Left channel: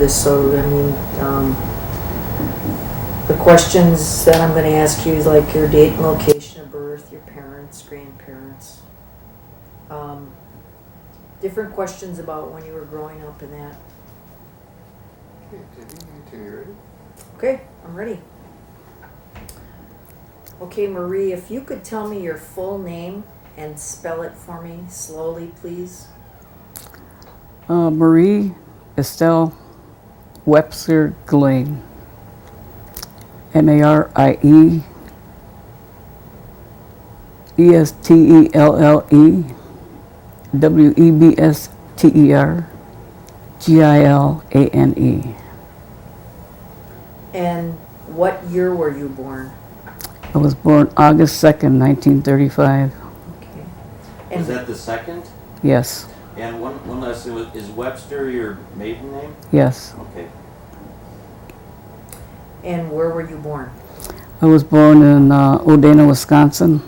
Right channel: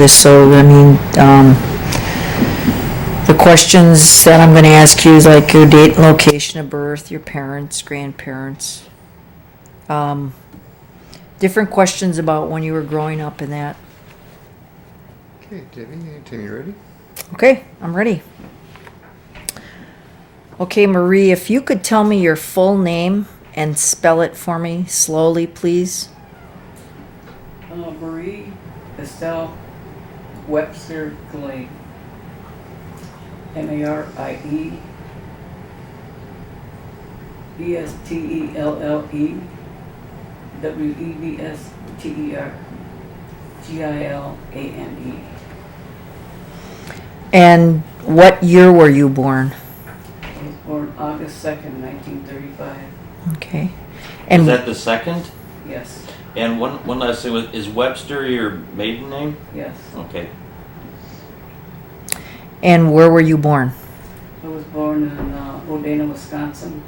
this, so, I mean, the questions that I'm gonna ask you is like your date and location of birth, your parents, grandparents. Different questions about when you were growing up and that. Okay, Debbie, anytime you're ready. Okay, I'm ready. Okay, Marie, if you could tell me your full name and spell it for me slowly, please. Marie Estelle Webster Gilane. Marie Estelle Webster Gilane. And what year were you born? I was born August 2nd, 1935. Okay. Is And that the second? Yes, And one last thing, is Webster your maiden name? yes. Okay. and where were you born? I was born in Oneida, Wisconsin,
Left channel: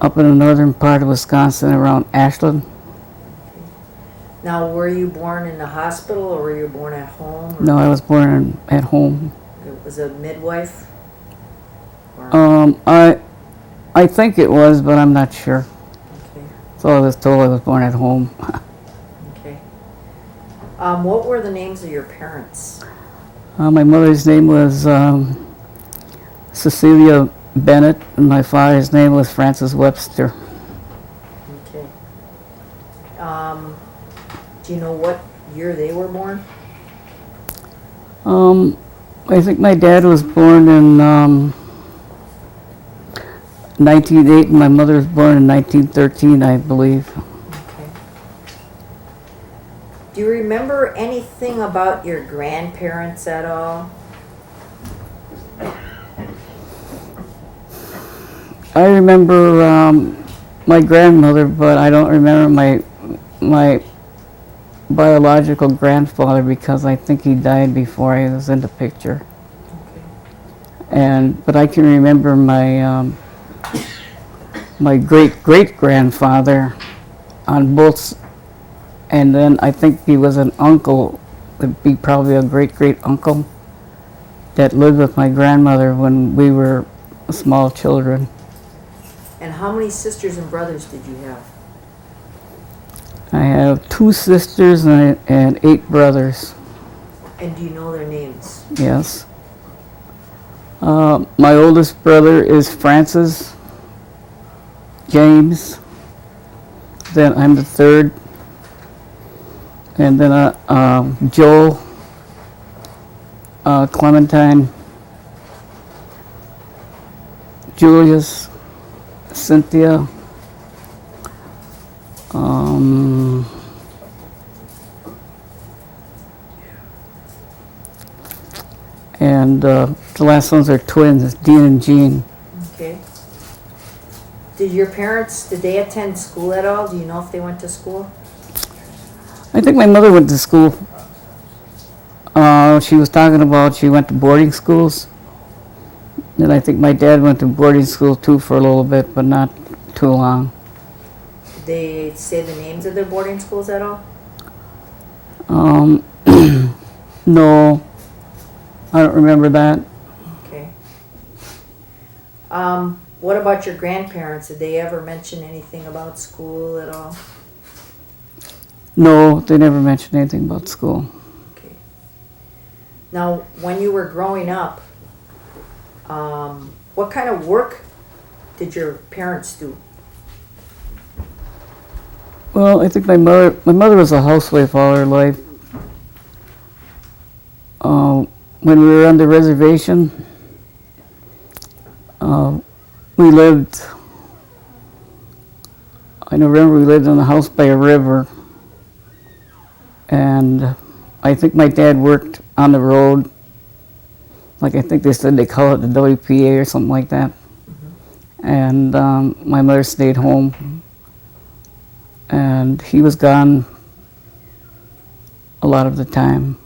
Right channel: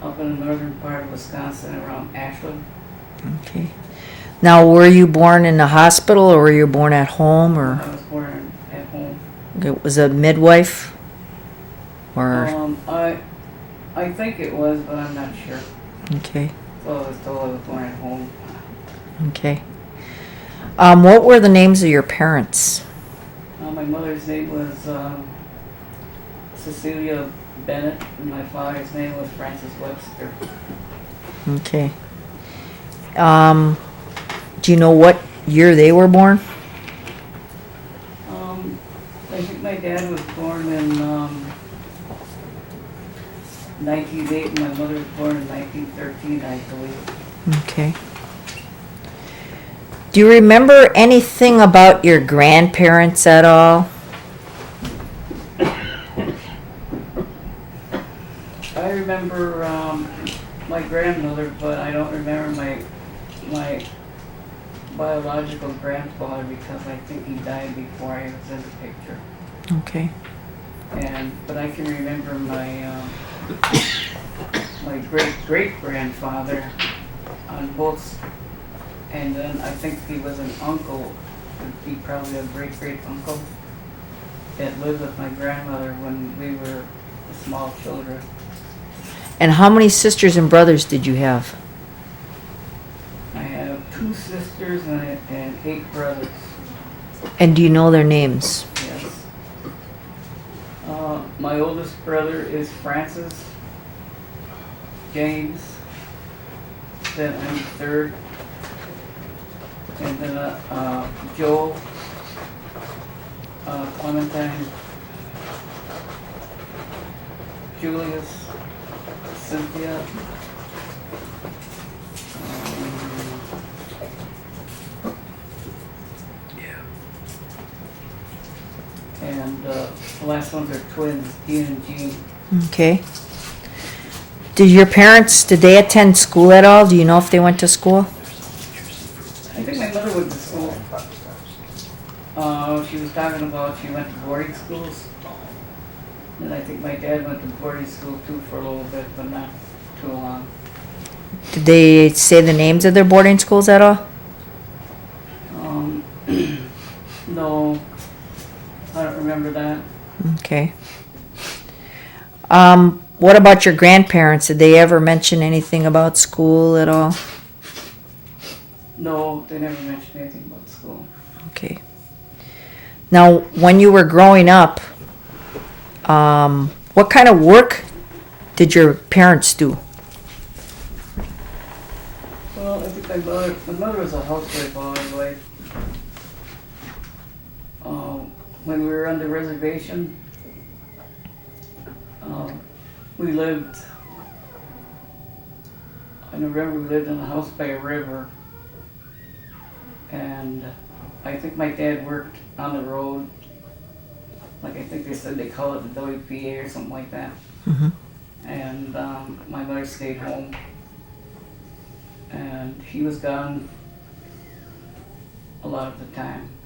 up in the northern part of Wisconsin around Ashland. Okay. Now, were you born in the hospital or were you born at home? Or No, I was born at home. it was a midwife? Or I think it was, but I'm not sure. okay, So I was told I was born at home. okay. What were the names of your parents? My mother's name was Cecilia Bennett, and my father's name was Francis Webster. Okay. Do you know what year they were born? I think my dad was born in 1908, and my mother was born in 1913, I believe. Okay. Do you remember anything about your grandparents at all? I remember my grandmother, but I don't remember my biological grandfather because I think he died before I was in the picture. Okay. But I can remember my my great grandfather on both, and then I think he was an uncle, would be probably a great uncle that lived with my grandmother when we were small children. And how many sisters and brothers did you have? I have 2 sisters and 8 brothers. And do you know their names? Yes. My oldest brother is Francis James. Then I'm the third. And then Joel, Clementine, Julius, Cynthia, and the last ones are twins, Dean and Jean. Okay. Did they attend school at all? Do you know if they went to school? I think my mother went to school. She was talking about she went to boarding schools. And I think my dad went to boarding school too for a little bit, but not too long. Did they say the names of their boarding schools at all? No, I don't remember that. Okay. What about your grandparents? Did they ever mention anything about school at all? No, they never mentioned anything about school. Okay. Now, when you were growing up, what kind of work did your parents do? Well, I think my mother was a housewife all her life. When we were on the reservation, we lived, I remember we lived in a house by a river, and I think my dad worked on the road, like I think they said they call it the WPA or something like that. Mm-hmm. And my mother stayed home, and he was gone a lot of the time.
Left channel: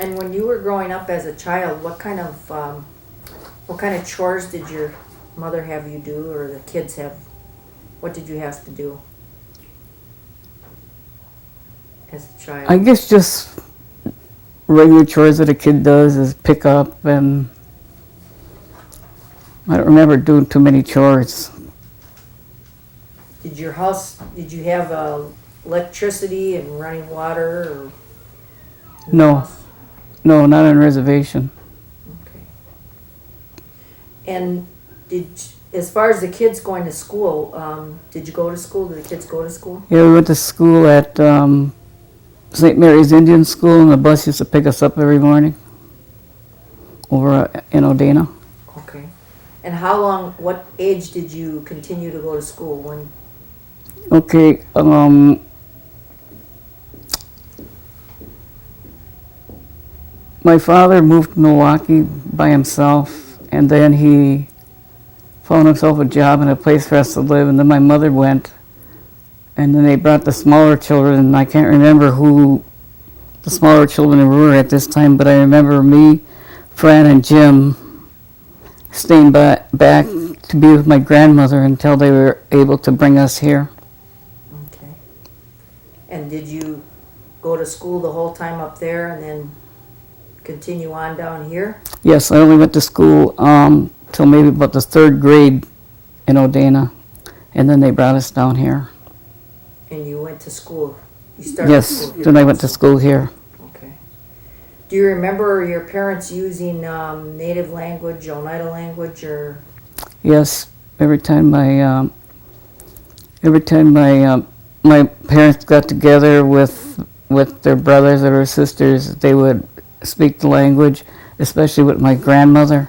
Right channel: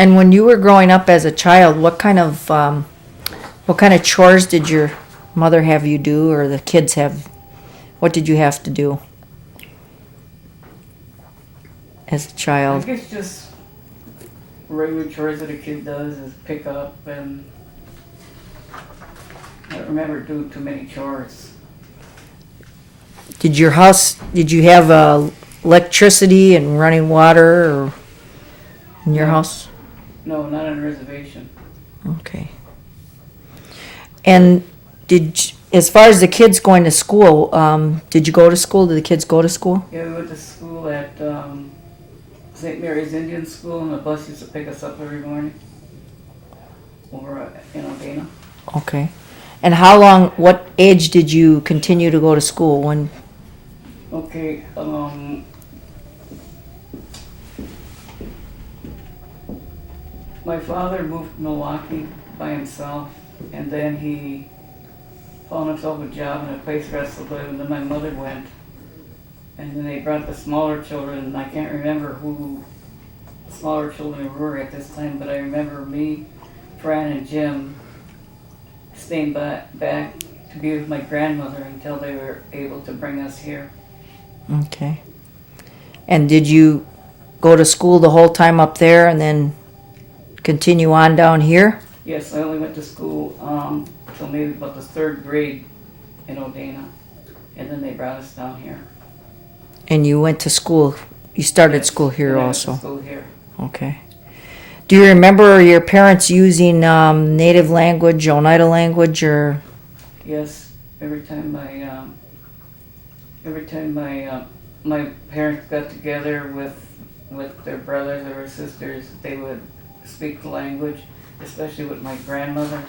And when you were growing up as a child, what kind of chores did your mother have you do, or the kids have? What did you have to do? as a I child? guess just regular chores that a kid does is pick up, and I don't remember doing too many chores. Did you have electricity and running water or in your No. house? No, not on reservation. Okay. And as far as the kids going to school, did you go to school? Did the kids go to school? Yeah, we went to school at St. Mary's Indian School, and the bus used to pick us up every morning over in Oneida. Okay. And what age did you continue to go to school? When? Okay, my father moved to Milwaukee by himself, and then he found himself a job and a place for us to live, and then my mother went, and then they brought the smaller children, and I can't remember who the smaller children were at this time, but I remember me, Fran, and Jim staying back to be with my grandmother until they were able to bring us here. Okay. And did you go to school the whole time up there and then continue on down here? Yes, I only went to school till maybe about the third grade in Oneida, and then they brought us down here. And you went to school, you started Yes, school here then I went also. to school here. Okay. Do you remember your parents using native language, Oneida language, or? Yes, every time my parents got together with their brothers or their sisters, they would speak the language, especially with my grandmother,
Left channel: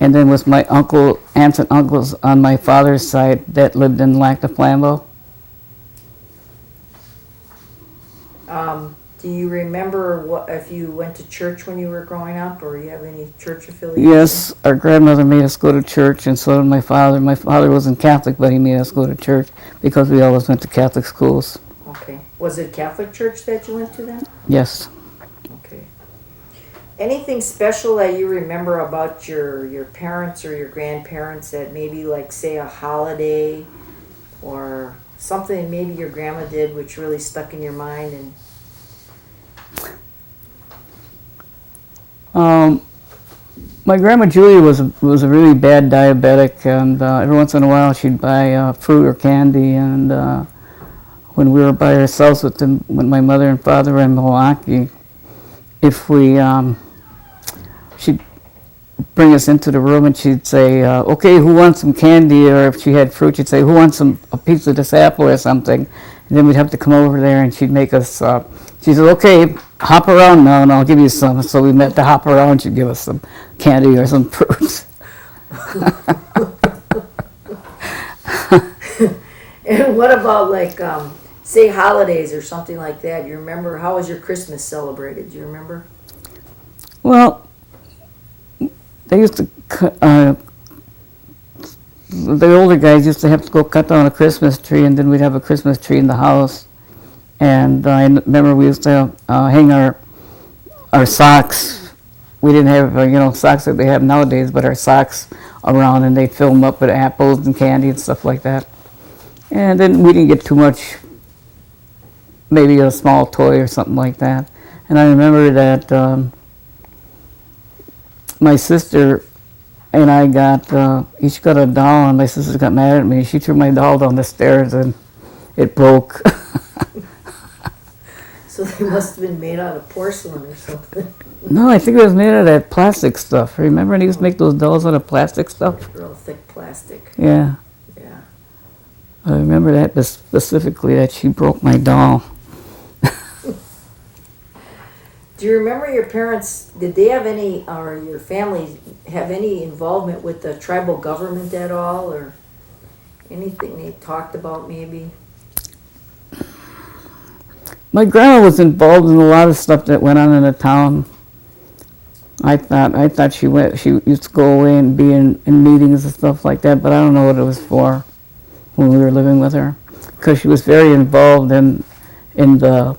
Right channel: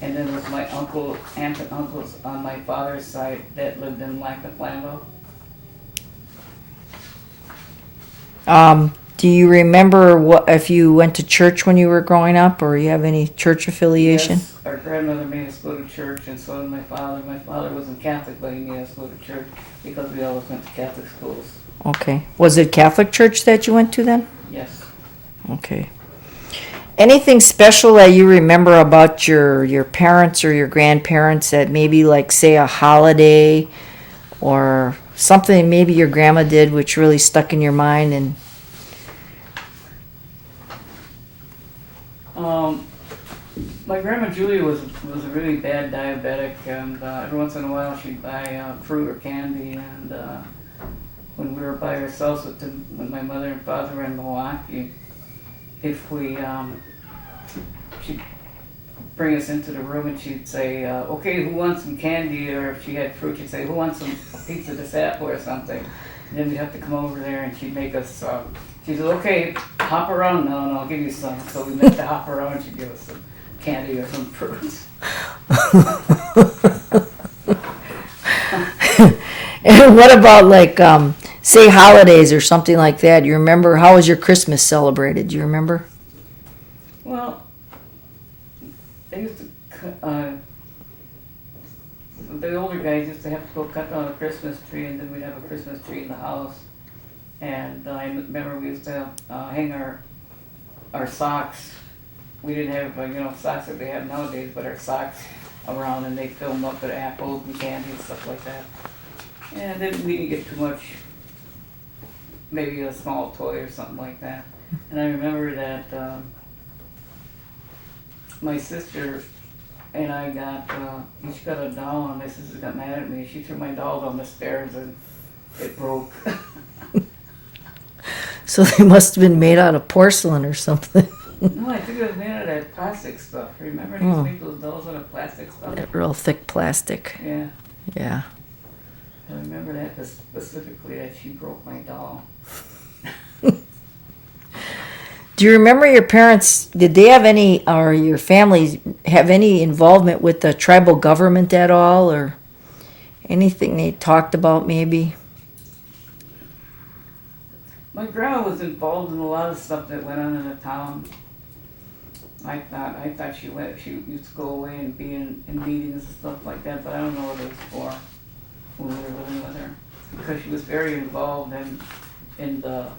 and then with my aunts and uncles on my father's side that lived in Lac de Flambeau. Do you remember if you went to church when you were growing up, or you have any church affiliation? Yes, our grandmother made us go to church, and so did my father. My father wasn't Catholic, but he made us go to church because we always went to Catholic schools. Okay. Was it Catholic church that you went to then? Yes. Okay. Anything special that you remember about your parents or your grandparents that maybe, like, say, a holiday or something maybe your grandma did which really stuck in your mind? And My grandma Julia was a really bad diabetic, and every once in a while she'd buy fruit or candy. And when we were by ourselves when my mother and father were in Milwaukee, if we she'd bring us into the room and she'd say, "Okay, who wants some candy?" Or if she had fruit, she'd say, "Who wants a piece of this apple or something?" And then we'd have to come over there, and she'd make us. She said, "Okay, hop around now, and I'll give you some." So we meant to hop around. She'd give us some candy or some fruits. And what about, like, say, holidays or something like that? You remember, how was your Christmas celebrated? Do you remember? Well, they used to the older guys used to have to go cut down a Christmas tree, and then we'd have a Christmas tree in the house. And I remember we used to hang our socks. We didn't have socks that they have nowadays, but our socks around, and they'd fill them up with apples and candy and stuff like that. And then we didn't get too much, maybe a small toy or something like that. And I remember that my sister and I each got a doll, and my sister got mad at me. She threw my doll down the stairs, and it broke. So they must have been made out of porcelain or something. No, I think it was made out of that plastic stuff. Remember, they used to make those dolls out of plastic stuff? That real thick plastic. Yeah. Yeah. I remember that specifically, that she broke my doll. Do you remember your parents, did they have any, or your family have any involvement with the tribal government at all, or anything they talked about maybe? My grandma was involved in a lot of stuff that went on in the town. I thought she used to go away and be in meetings and stuff like that, but I don't know what it was for when we were living with her, because she was very involved in the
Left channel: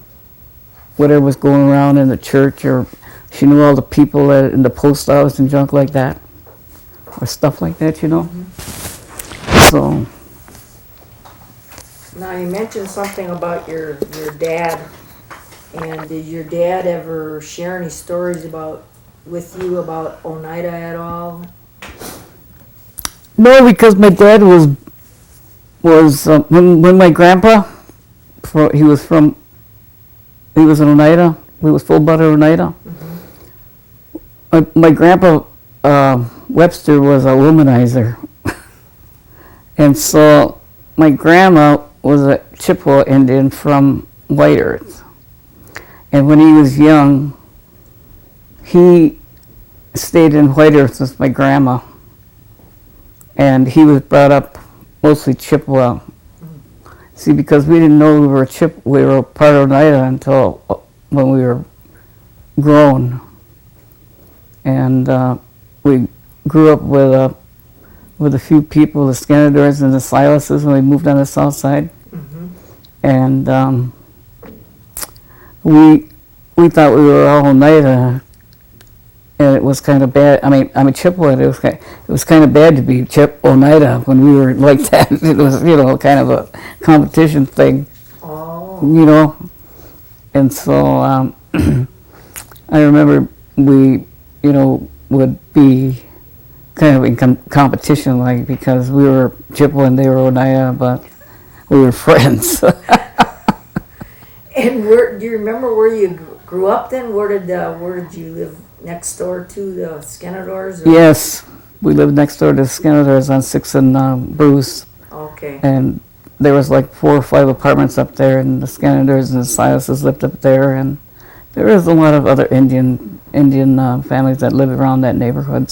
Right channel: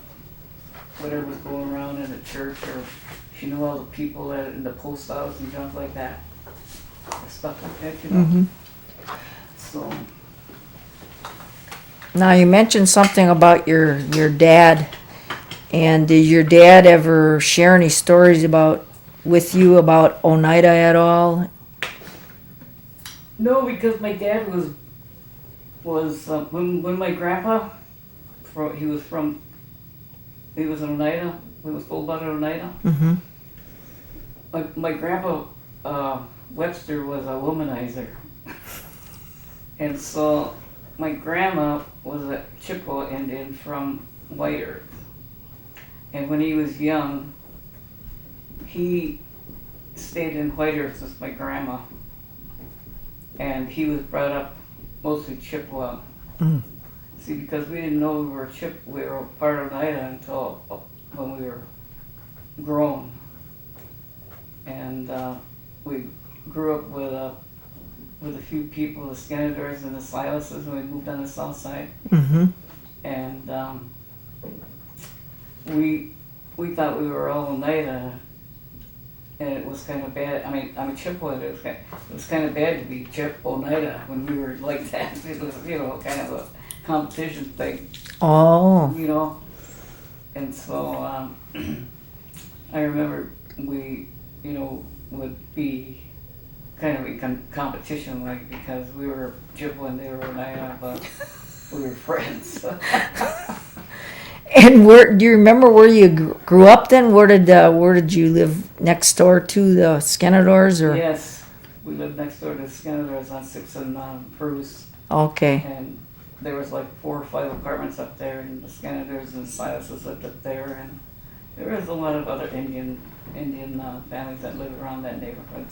whatever was going around in the church, or she knew all the people in the post office and junk like that, or stuff like that, So. Now, you mentioned something about your dad And did your dad ever share any stories with you about Oneida at all? No, because my dad was when my grandpa, he was in Oneida. He was full-blooded Oneida. Mm-hmm. My grandpa Webster was a womanizer, and so my grandma was a Chippewa Indian from White Earth. And when he was young, he stayed in White Earth with my grandma, and he was brought up mostly Chippewa. Mm. See, because we didn't know we were part of Oneida until when we were grown, and we grew up with a few people, the Scanadors and the Silases, when we moved on the south side. Mm-hmm. And we thought we were all Oneida, and it was kind of bad. I mean, I'm a Chippewa. It was kind of bad to be Oneida when we were like that. It was, kind of a competition thing. Oh. And so I remember we, would be kind of in competition, like, because we were Chippewa and they were Oneida, but we were friends. And do you remember where you grew up then? Where did you live next door to the Scanadors? Or? Yes, we lived next door to the Scanadors on 6th and Bruce. Okay. And there was like 4 or 5 apartments up there, and the Scanadors and the Silases lived up there, and there was a lot of other Indian families that lived around that neighborhood.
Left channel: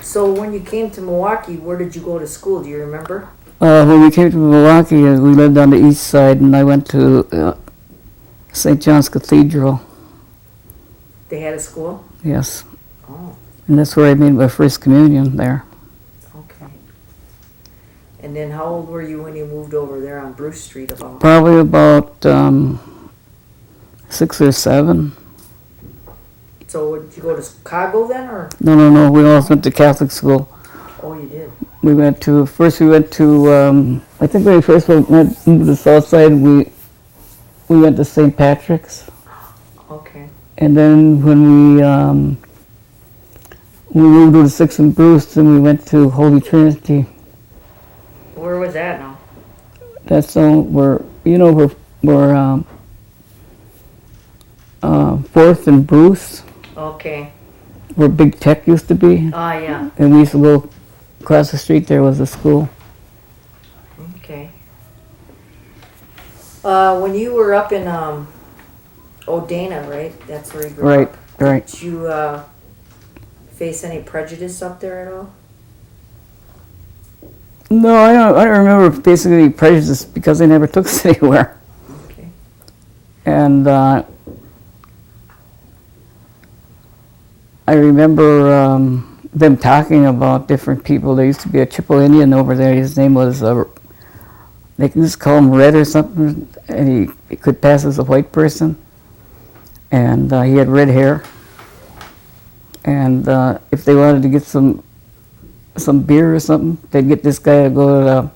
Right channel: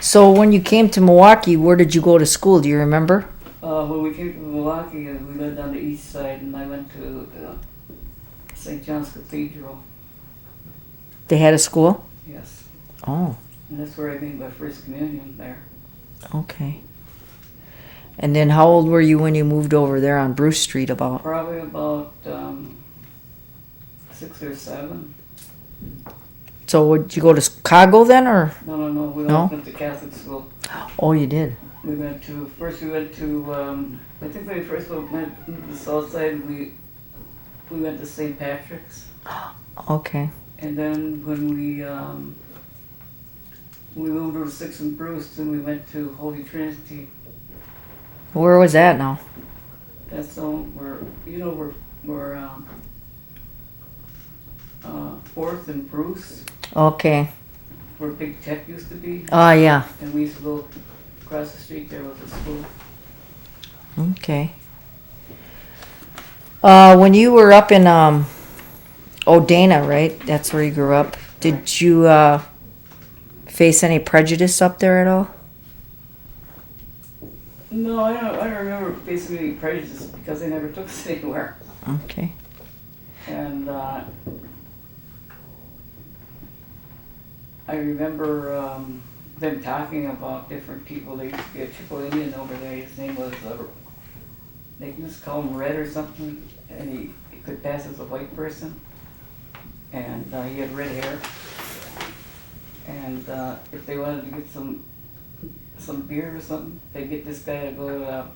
So when you came to Milwaukee, where did you go to school? Do you remember? When we came to Milwaukee, we lived on the east side, and I went to St. John's Cathedral. They had a school? Yes. Oh, And that's where I made my first communion there. okay. And then how old were you when you moved over there on Bruce Street about? Probably about 6 or 7. So would you go to Chicago then, or? No. We all No? went to Catholic school. Oh, you did? I think when we first went to the south side, we went to St. Patrick's. Okay. And then when we moved to 6th and Bruce, then we went to Holy Trinity. Where was that now? That's where 4th and Bruce, Okay. where Big Tech used to be. Oh, yeah. And we used to go across the street, there was a school. Okay. When you were up in Odana, right? That's where you grew Right, up. right. Did you face any prejudice up there at all? No, I don't remember basically prejudice because they never took us anywhere. Okay. And I remember them talking about different people. There used to be a Chippewa Indian over there. His name was, they used to call him Red or something, and he could pass as a white person. And he had red hair. And if they wanted to get some beer or something, they'd get this guy to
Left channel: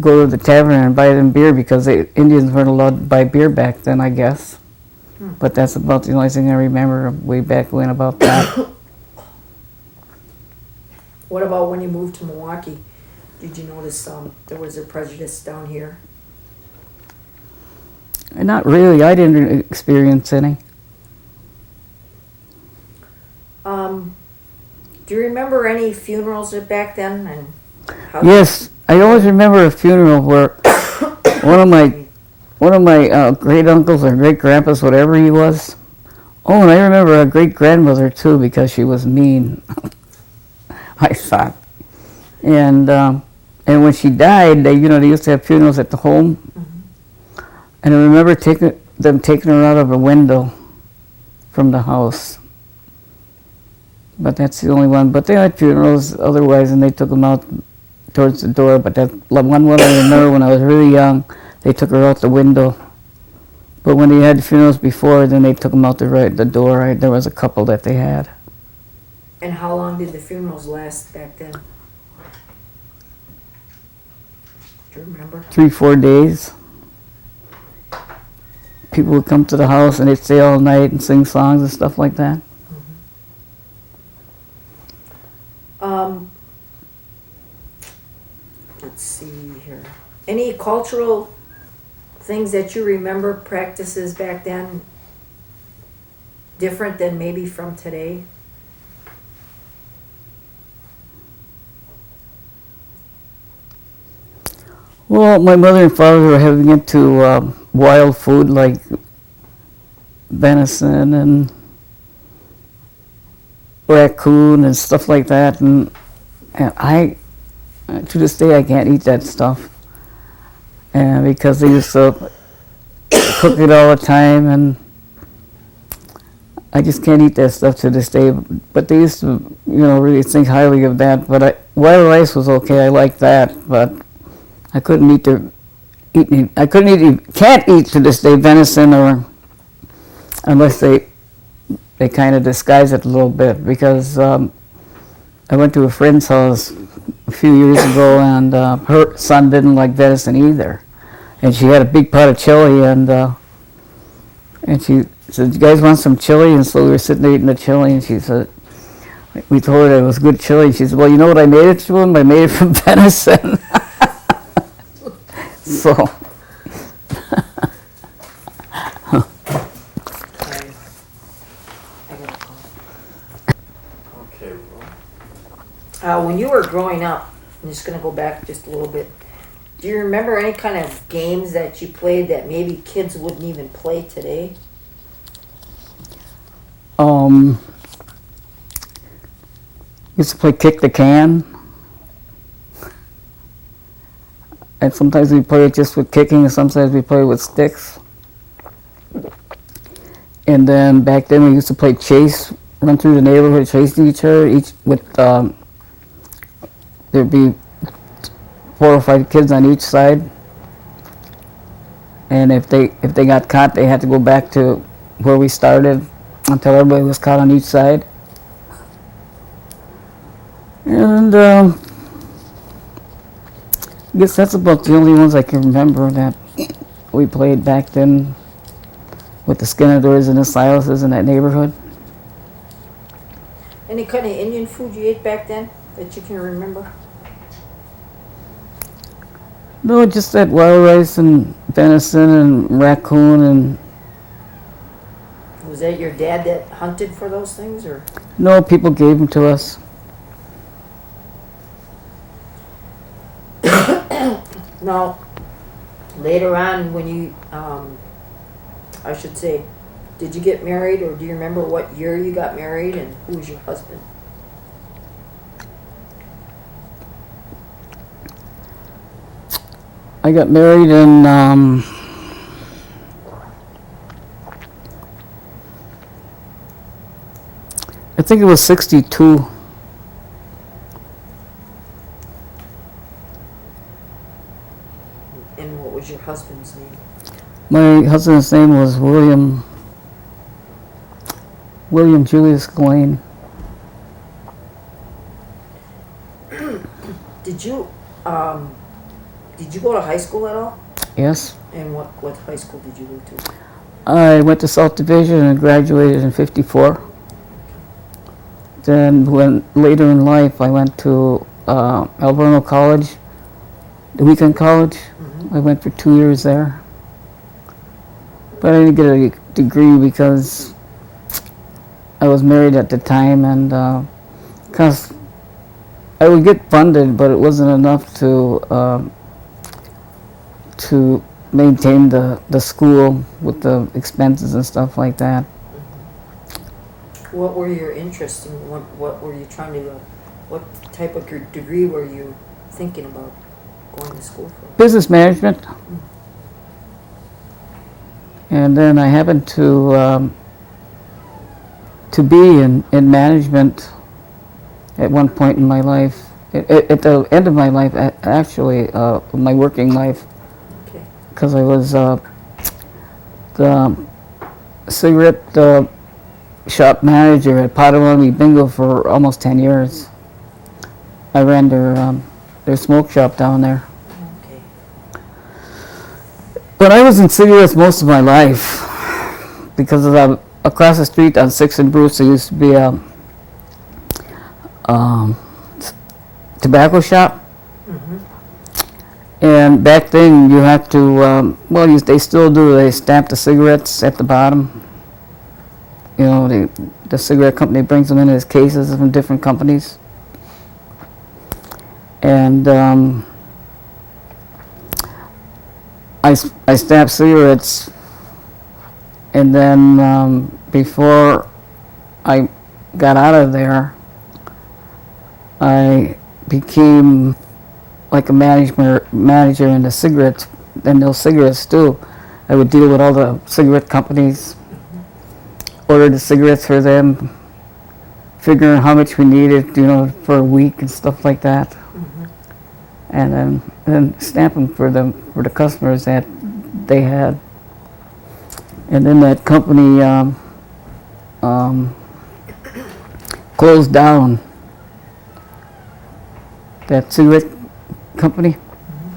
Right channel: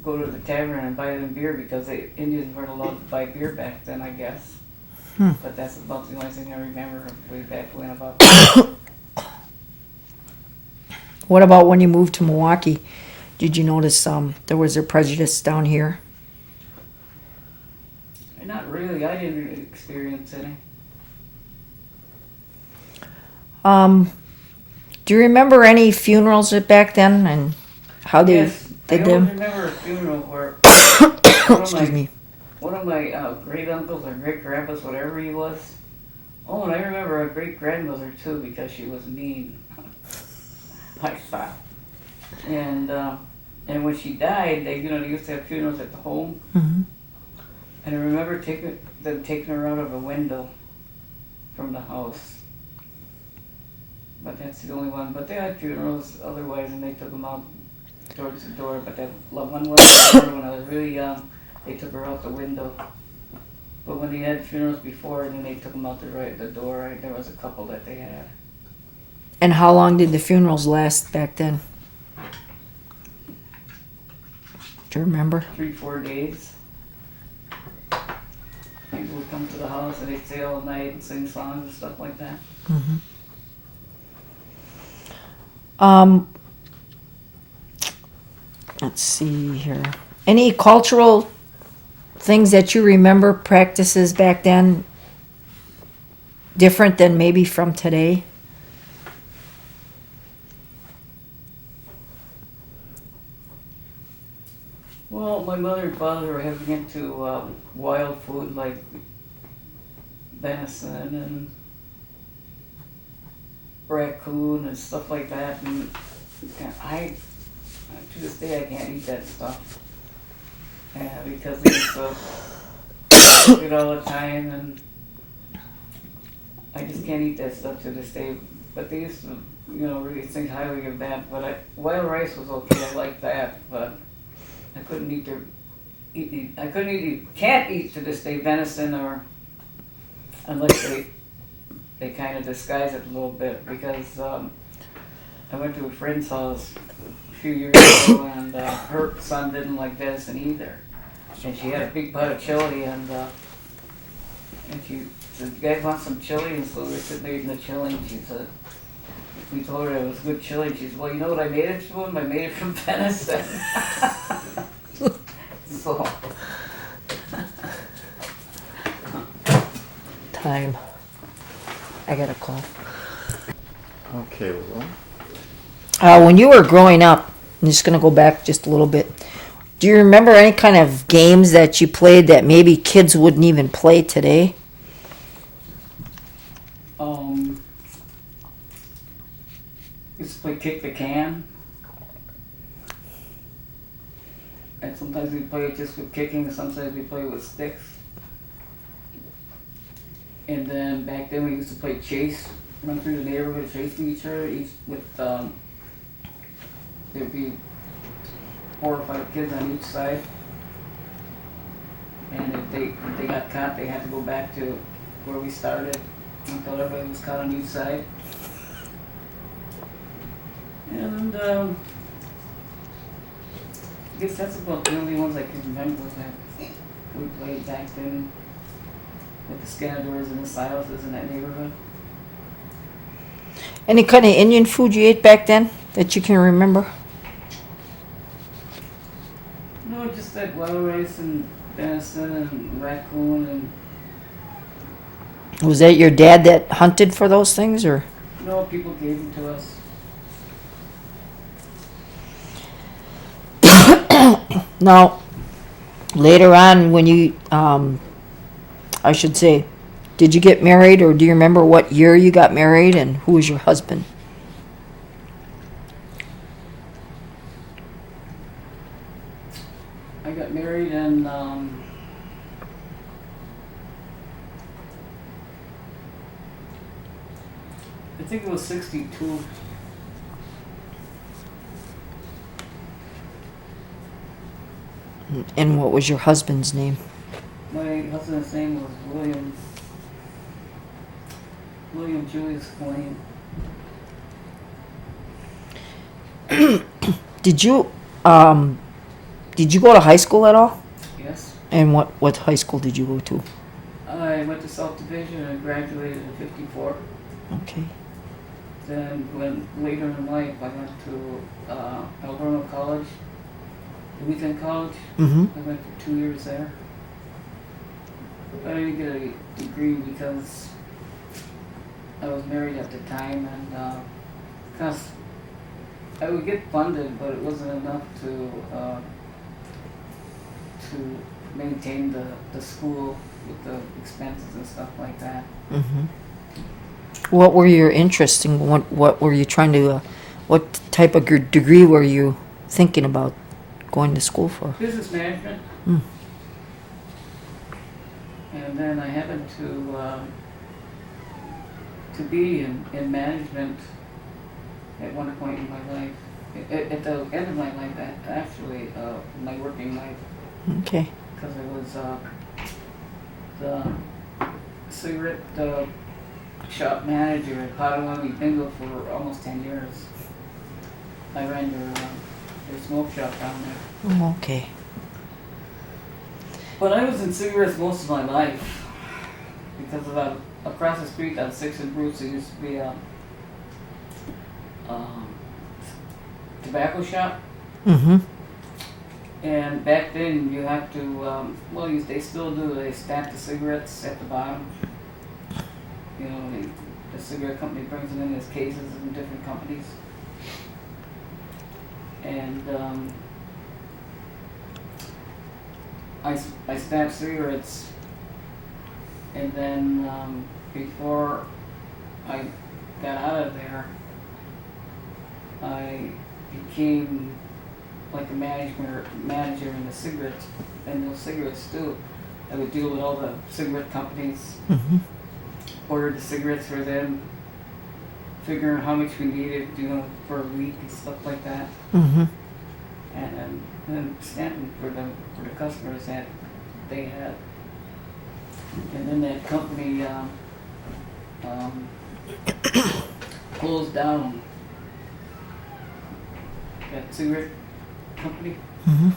go to the tavern and buy them beer because the Indians weren't allowed to buy beer back then, I guess. But that's about the only thing I remember way back when about that. What about when you moved to Milwaukee? Did you notice there was a prejudice down here? And not really. I didn't experience any. Do you remember any funerals back then and how? Yes, I always remember a funeral where one of my great uncles or great grandpas, whatever he was. Oh, and I remember a great grandmother too because she was mean. I thought, and when she died, they used to have funerals at the home, and I remember them taking her out of a window from the house. But that's the only one. But they had funerals otherwise, and they took them out towards the door. But that one I remember when I was really young, they took her out the window. But when they had funerals before, then they took them out the door. There was a couple that they had. And how long did the funerals last back then? Do you remember? 3-4 days. people would come to the house and they'd stay all night and sing songs and stuff like that. Let's see here. Any cultural things that you remember, practices back then, different than maybe from today? Well, my mother and father were heavy into wild food like venison and raccoon and stuff like that, and I, to this day, I can't eat that stuff, and because they used to cook it all the time, and I just can't eat that stuff to this day. But they used to, really think highly of that. But wild rice was okay. I liked that, but I couldn't can't eat to this day venison, or unless they kind of disguise it a little bit, because I went to a friend's house a few years ago, and her son didn't like venison either, and she had a big pot of chili, and she said, "You guys want some chili?" And so we were sitting there eating the chili, and she said, we told her it was good chili, and she said, "Well, you know what I made it to him? I made it from venison." So. Time. I got a call. Okay, well, When you were growing up, I'm just going to go back just a little bit. Do you remember any kind of games that you played that maybe kids wouldn't even play today? Used to play kick the can. And sometimes we play it just with kicking, and sometimes we play with sticks. And then back then we used to play chase, run through the neighborhood chasing each other, there'd be 4 or 5 kids on each side. And if they got caught, they had to go back to where we started until everybody was caught on each side. And I guess that's about the only ones I can remember that we played back then with the Skinnadors and the Silases in that neighborhood. Any kind of Indian food you ate back then that you can remember? No, just that wild rice and venison and raccoon and... Was that your dad that hunted for those things, or? No, people gave them to us. Now, later on when you, I should say, did you get married, or do you remember what year you got married and who was your husband? I got married in I think it was 62. And what was your husband's name? My husband's name was William Julius Gilane. Did you go to high school at all? Yes. And what high school did you go to? I went to South Division and graduated in '54. Okay. Then later in life I went to Alverno College, the weekend college. Mm-hmm. I went for 2 years there. But I didn't get a degree because I was married at the time, and because I would get funded, but it wasn't enough to maintain the school with the expenses and stuff like that. Mm-hmm. What were your interests, and what were you trying to? What type of degree were you thinking about going to school for? Business management. Mm. And then I happened to be in management at one point in my life. At the end of my life, actually, my working life, Okay. because I was the cigarette shop manager at Potawatomi Bingo for almost 10 years. I ran their smoke shop down there. Oh, okay. But I was in cigarettes most of my life. because across the street on 6th and Bruce there used to be a tobacco shop. Mm-hmm. And back then you have to, they still do, they stamp the cigarettes at the bottom. You know, the cigarette company brings them in as cases from different companies. And I stamped cigarettes, and then before I got out of there, I became like a manager in the cigarettes, and those cigarettes too. I would deal with all the cigarette companies, Mm-hmm. order the cigarettes for them, figuring how much we needed, you know, for a week and stuff like that, Mm-hmm. and then stamp them for the customers that they had. And then that company closed down. That cigarette company. Mm-hmm.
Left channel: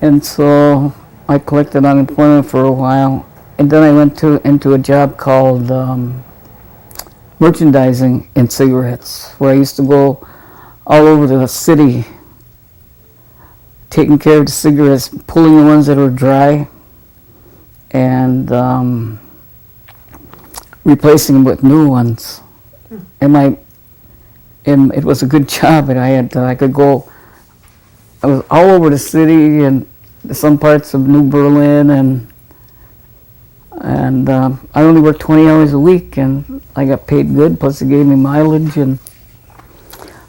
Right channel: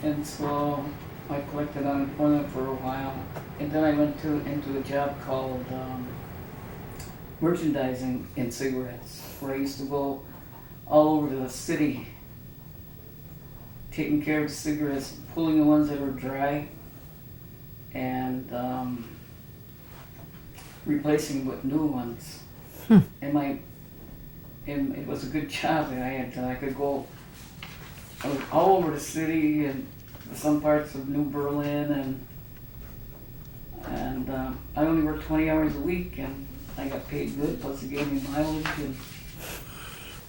And so I collected unemployment for a while, and then I went into a job called merchandising in cigarettes, where I used to go all over the city taking care of the cigarettes, pulling the ones that were dry, and replacing them with new ones. And it was a good job, and I could go. I was all over the city and some parts of New Berlin, and I only worked 20 hours a week, and I got paid good. Plus, they gave me mileage, and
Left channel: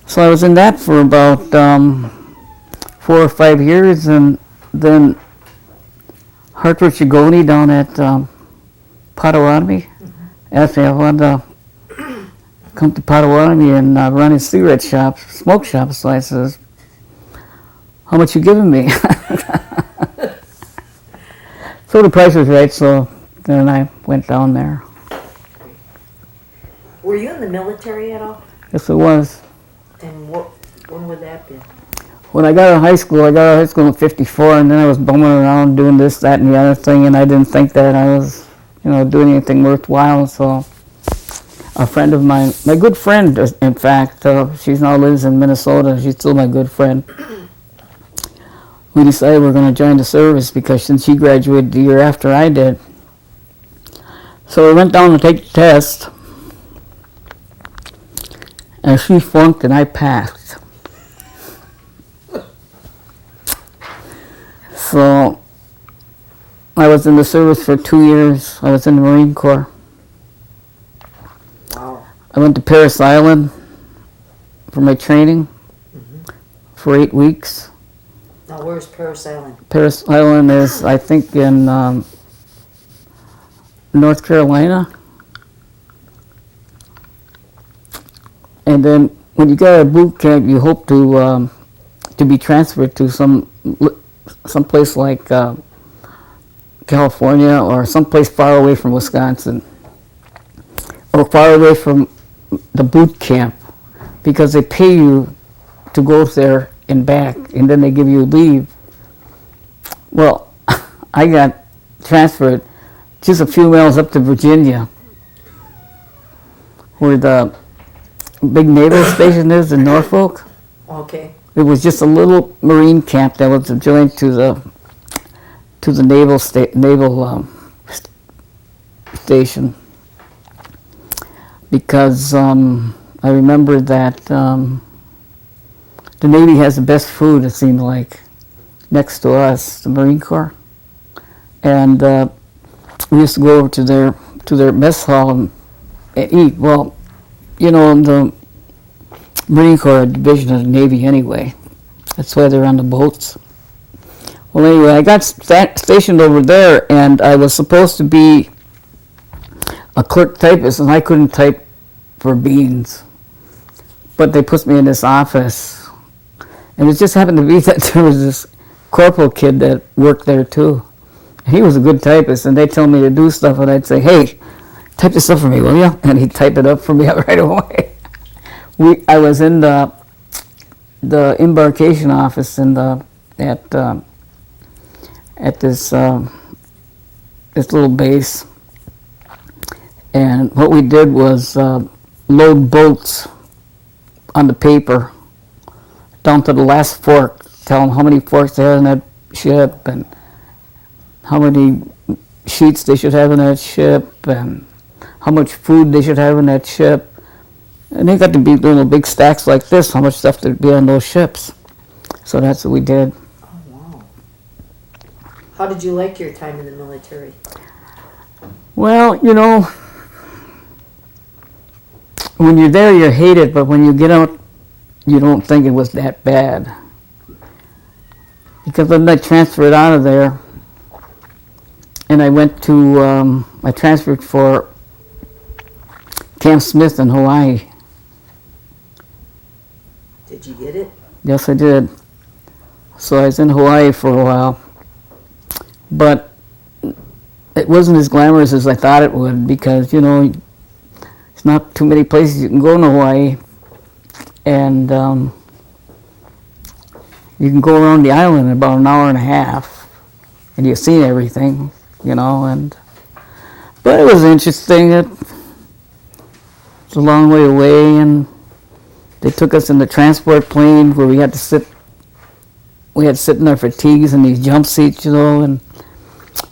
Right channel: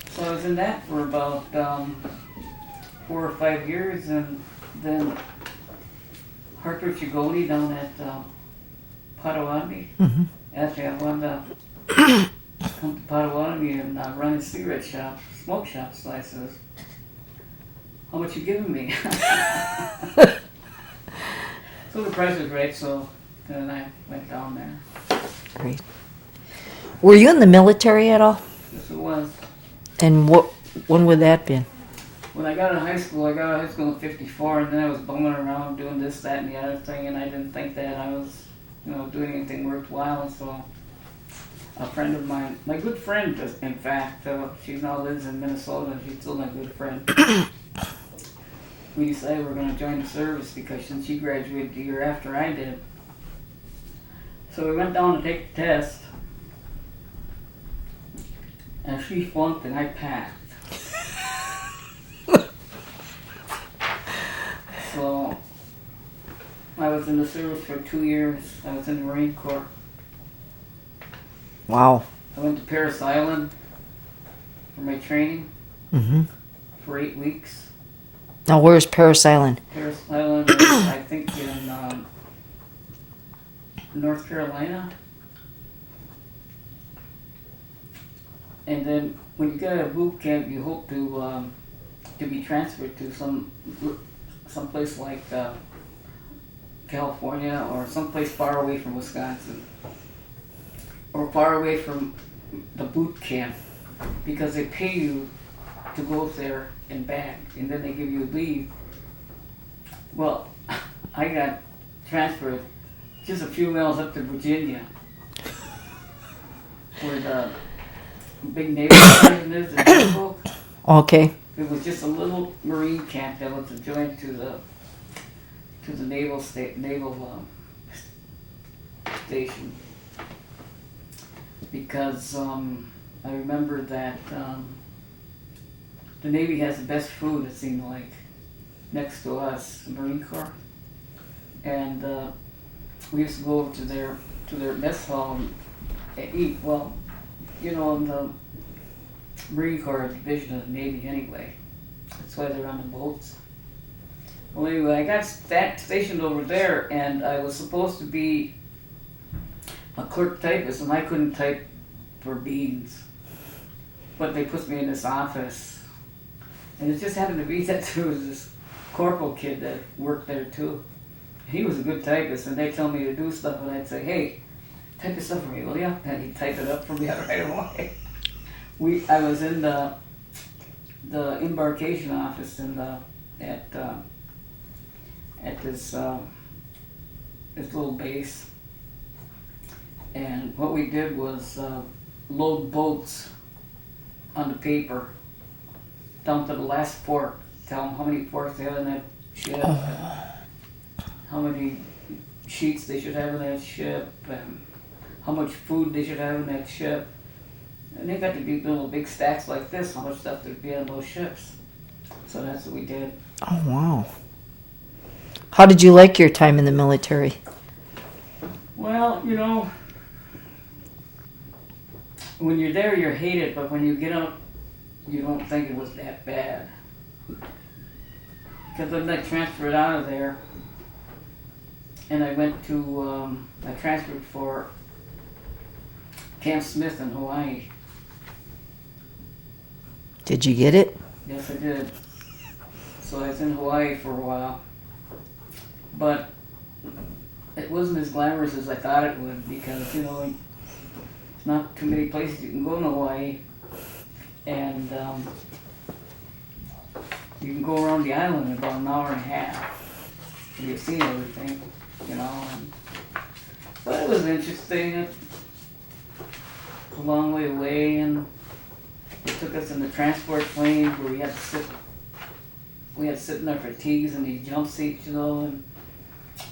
so I was in that for about 4 or 5 years, and then Hartford Chigoni down at Potawatomi asked me if I wanted to come to Potawatomi and run a cigarette shop, smoke shop. So I says, "How much you giving me?" So the price was right, so then I went down there. Great. Were you in the military at all? Yes, it was. And when would that been? When I got out of high school, in '54, and then I was bumming around doing this, that, and the other thing, and I didn't think that I was, doing anything worthwhile. So a friend of mine, my good friend, in fact, she now lives in Minnesota. She's still my good friend. We decided we're going to join the service because since she graduated the year after I did. So we went down to take the test, and she flunked and I passed. So I was in the service for 2 years. I was in the Marine Corps. Wow. I went to Parris Island for my training Mm-hmm. for 8 weeks. Now, where's Parris Island? Parris Island is, I think, in North Carolina. And then when you get out of boot camp, you hope to be transferred to some place like California or someplace far away from Wisconsin or far away from the boot camp, because they pay you to go there and back, and then they give you leave. Well, I got transferred just a few miles up to Virginia, where the big naval station is in Norfolk. Okay. It was just a little Marine camp that was adjoined to the naval station, because I remember that the Navy has the best food, it seemed like, next to us, the Marine Corps, and we used to go over to their mess hall and eat. Well, the Marine Corps, a division of the Navy anyway. That's why they're on the boats. Well, anyway, I got stationed over there, and I was supposed to be a clerk typist, and I couldn't type for beans. But they put me in this office, and it just happened to be that there was this corporal kid that worked there too. He was a good typist, and they'd tell me to do stuff, and I'd say, "Hey, type this up for me, will you?" And he'd type it up for me right away. I was in the embarkation office at this little base, And what we did was load boats on the paper down to the last fork, tell them how many forks they had in that ship and how many sheets they should have in that ship and how much food they should have in that ship. And they got to be doing big stacks like this, how much stuff there'd be on those ships. So that's what we did. Oh, wow. How did you like your time in the military? Well, you know, when you're there, you hate it, but when you get out, you don't think it was that bad. Because then I transferred out of there, and I went to, I transferred for Camp Smith in Hawaii. Did you get it? Yes, I did. So I was in Hawaii for a while, but it wasn't as glamorous as I thought it would because, you know, there's not too many places you can go in Hawaii, and you can go around the island in about an hour and a half, and you've seen everything, you know, but it was interesting. It was a long way away, and they took us in the transport plane where we had to sit in our fatigues in these jump seats, you know, and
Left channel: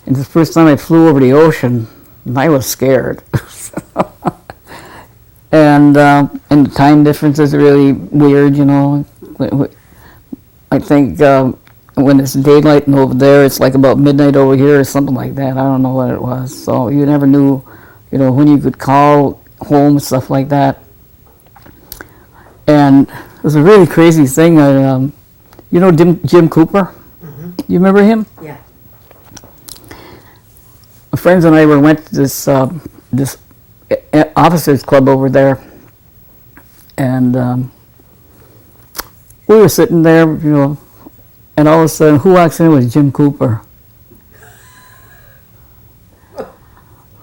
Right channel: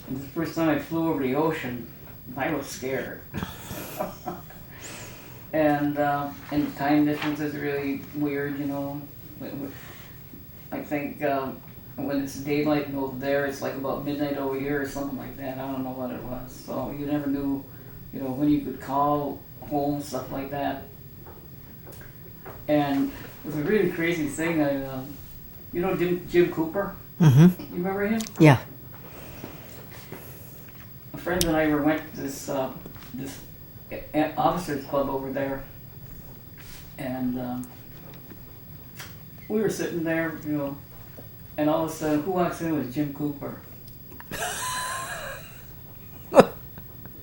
the first time I flew over the ocean, I was scared. And the time difference is really weird, you know. I think when it's daylight over there, it's like about midnight over here or something like that. I don't know what it was. So you never knew, you know, when you could call home and stuff like that. And it was a really crazy thing. You know Jim Cooper? Mm-hmm. You remember him? Yeah. My friends and I went to this officers club over there, and we were sitting there, you know, and all of a sudden, who walks in was Jim Cooper.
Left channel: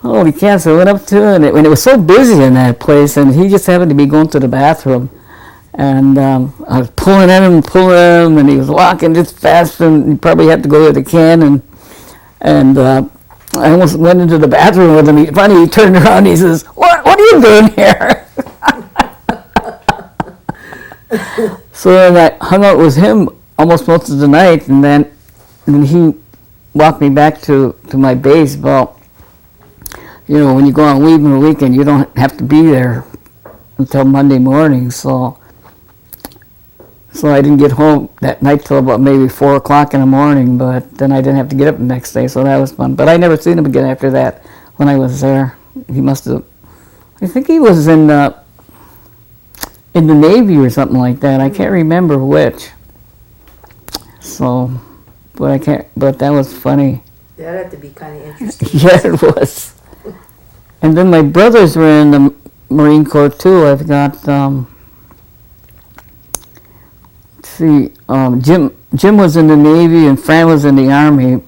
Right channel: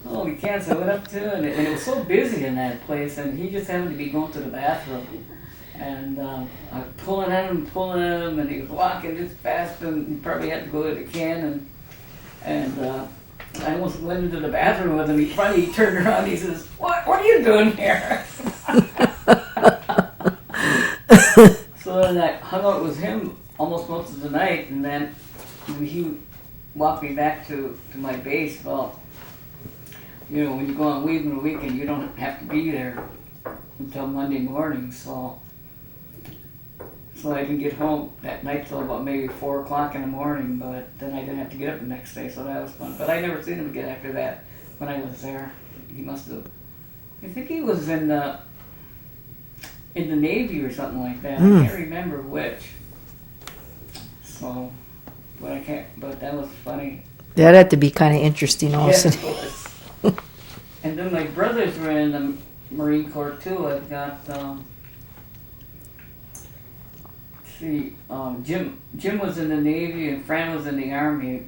Holy cow! So I went up to him, and it was so busy in that place, and he just happened to be going to the bathroom. And I was pulling at him, and he was walking just fast, and he probably had to go to the can, and I almost went into the bathroom with him. Finally, he turned around and he says, What are you doing here? So then I hung out with him almost most of the night, and then he walked me back to my base. Well, you know, when you go on leave on the weekend, you don't have to be there until Monday morning, so I didn't get home that night till about maybe 4 o'clock in the morning, but then I didn't have to get up the next day, so that was fun. But I never seen him again after that when I was there. He must have, I think he was in the Navy or something like that. I can't remember which. So, but that was funny. That had to be kind of interesting. Yes, it was. And then my brothers were in the Marine Corps too. I've got, Jim was in the Navy and Fran was in the Army,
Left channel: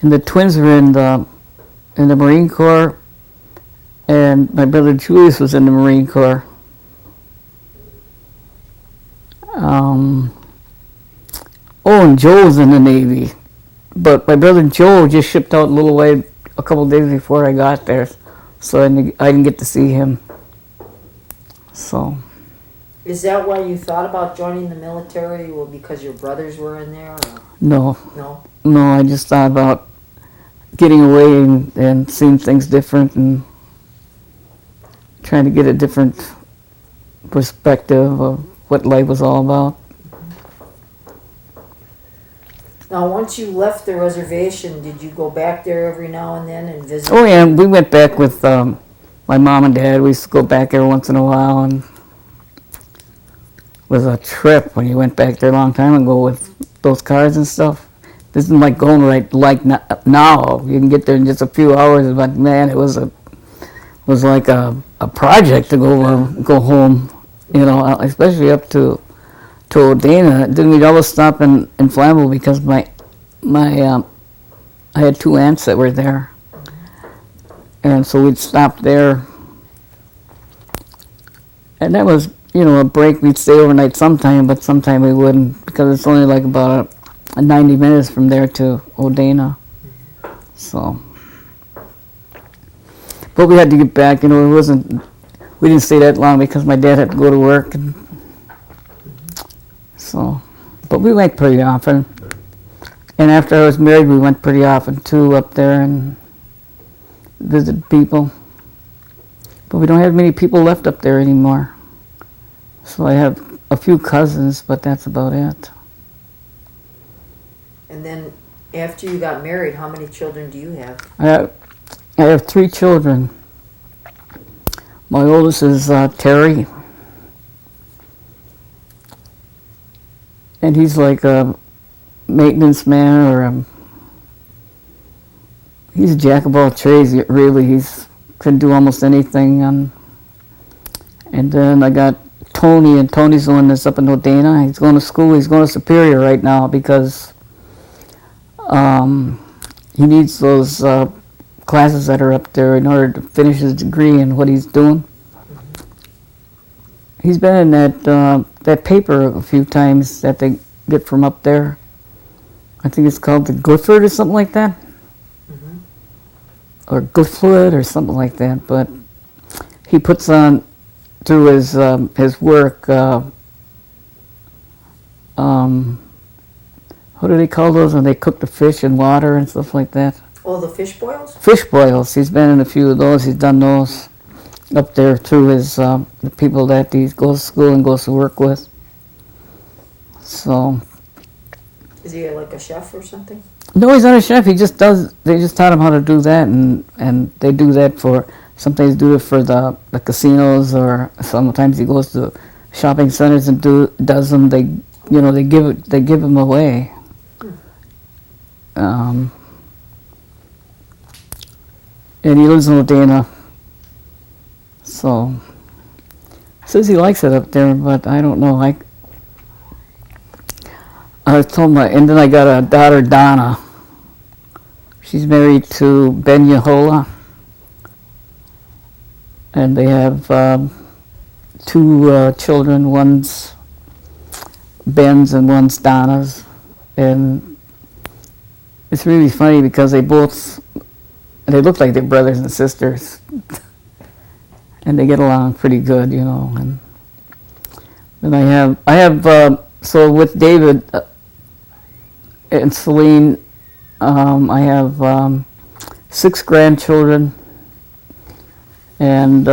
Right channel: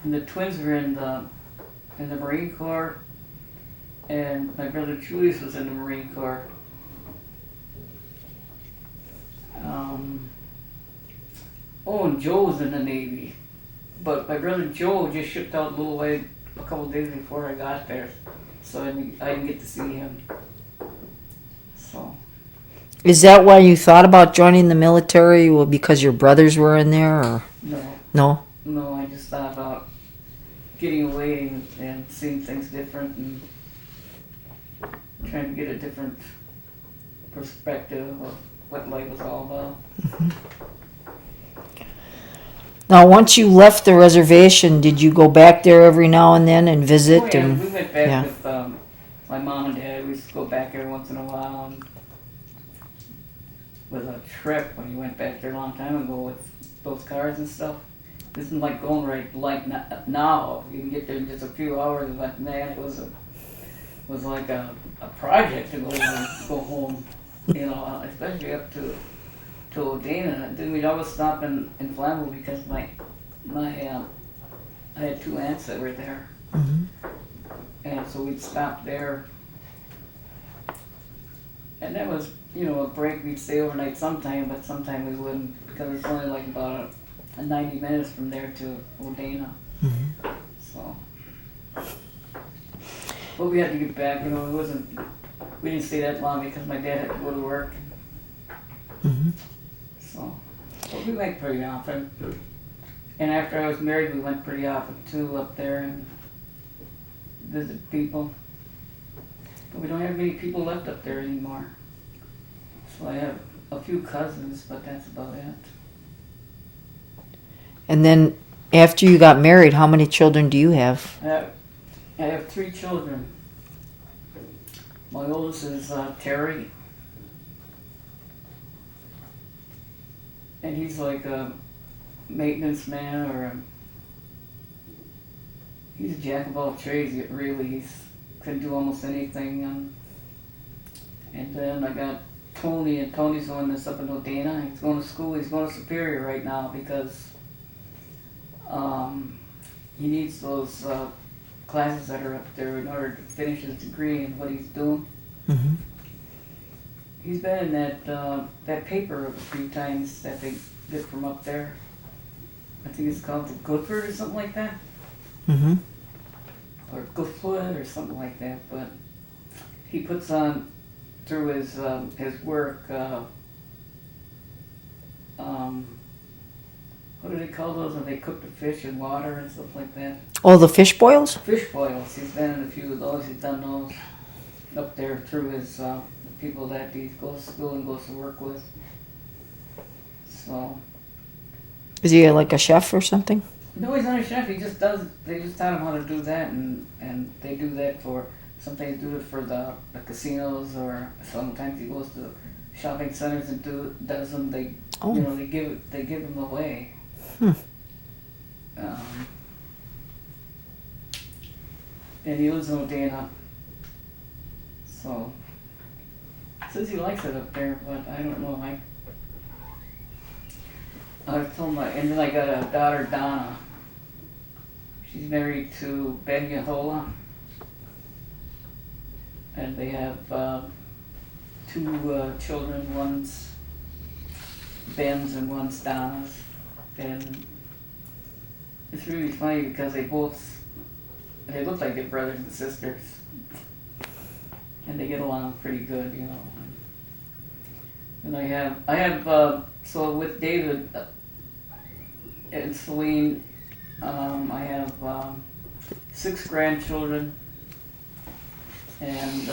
and the twins were in the Marine Corps, and my brother Julius was in the Marine Corps. And Joe was in the Navy, but my brother Joe just shipped out a couple of days before I got there, so I didn't get to see him. So. Is that why you thought about joining the military? Well, because your brothers were in there, or? No. No? No, I just thought about getting away and seeing things different and trying to get a different perspective of what life was all about. Mm-hmm. Now, once you left the reservation, did you go back there every now and then and visit? Oh, yeah, we went back with my mom and dad. We used to go back every once in a while, and it was a trip when you went back there a long time ago with those cars and stuff. This isn't like going like now. You can get there in just a few hours, but man, it was like a project to go home, you know, especially up to Oneida. Then we'd always stop in Flammable because I had two aunts that were there, and so we'd stop there, and that was, you know, a break. We'd stay overnight sometime, but sometime we wouldn't because it's only like about a 90 minutes from there to Oneida. So, But we had to get back, you know, we didn't stay that long because my dad had to go to work. And so, but we went pretty often. And after I was married, we went pretty often too up there and visited people. But we don't have many people left up there anymore. So I have a few cousins, but that's about it. And then after you got married, how many children do you have? I have 3 children. My oldest is Terry. And he's like a maintenance man or he's a jack of all trades, really. He's can do almost anything. And then I got Tony, and Tony's the one that's up in Oneida. He's going to school. He's going to Superior right now because he needs those classes that are up there in order to finish his degree in what he's doing. Mm-hmm. He's been in that paper a few times that they get from up there. I think it's called the Gifford or something like that. Mm-hmm. Or Gifford or something like that. But he puts on through his work. What do they call those when they cook the fish in water and stuff like that? Oh, the fish boils? Fish boils. He's been in a few of those. He's done those up there through his the people that he goes to school and goes to work with. So. Is he like a chef or something? No, he's not a chef. He just does. They just taught him how to do that, and they do that for. Sometimes do it for the casinos, or sometimes he goes to shopping centers and does them. They they give them away. And he lives in Oneida. So says he likes it up there, but I don't know. I told and then I got a daughter, Donna. She's married to Ben Yehola. And they have 2 children. One's Ben's and one's Donna's. And it's really funny because they look like they're brothers and sisters. And they get along pretty good, you know. And I have so with David and Celine, I have 6 grandchildren and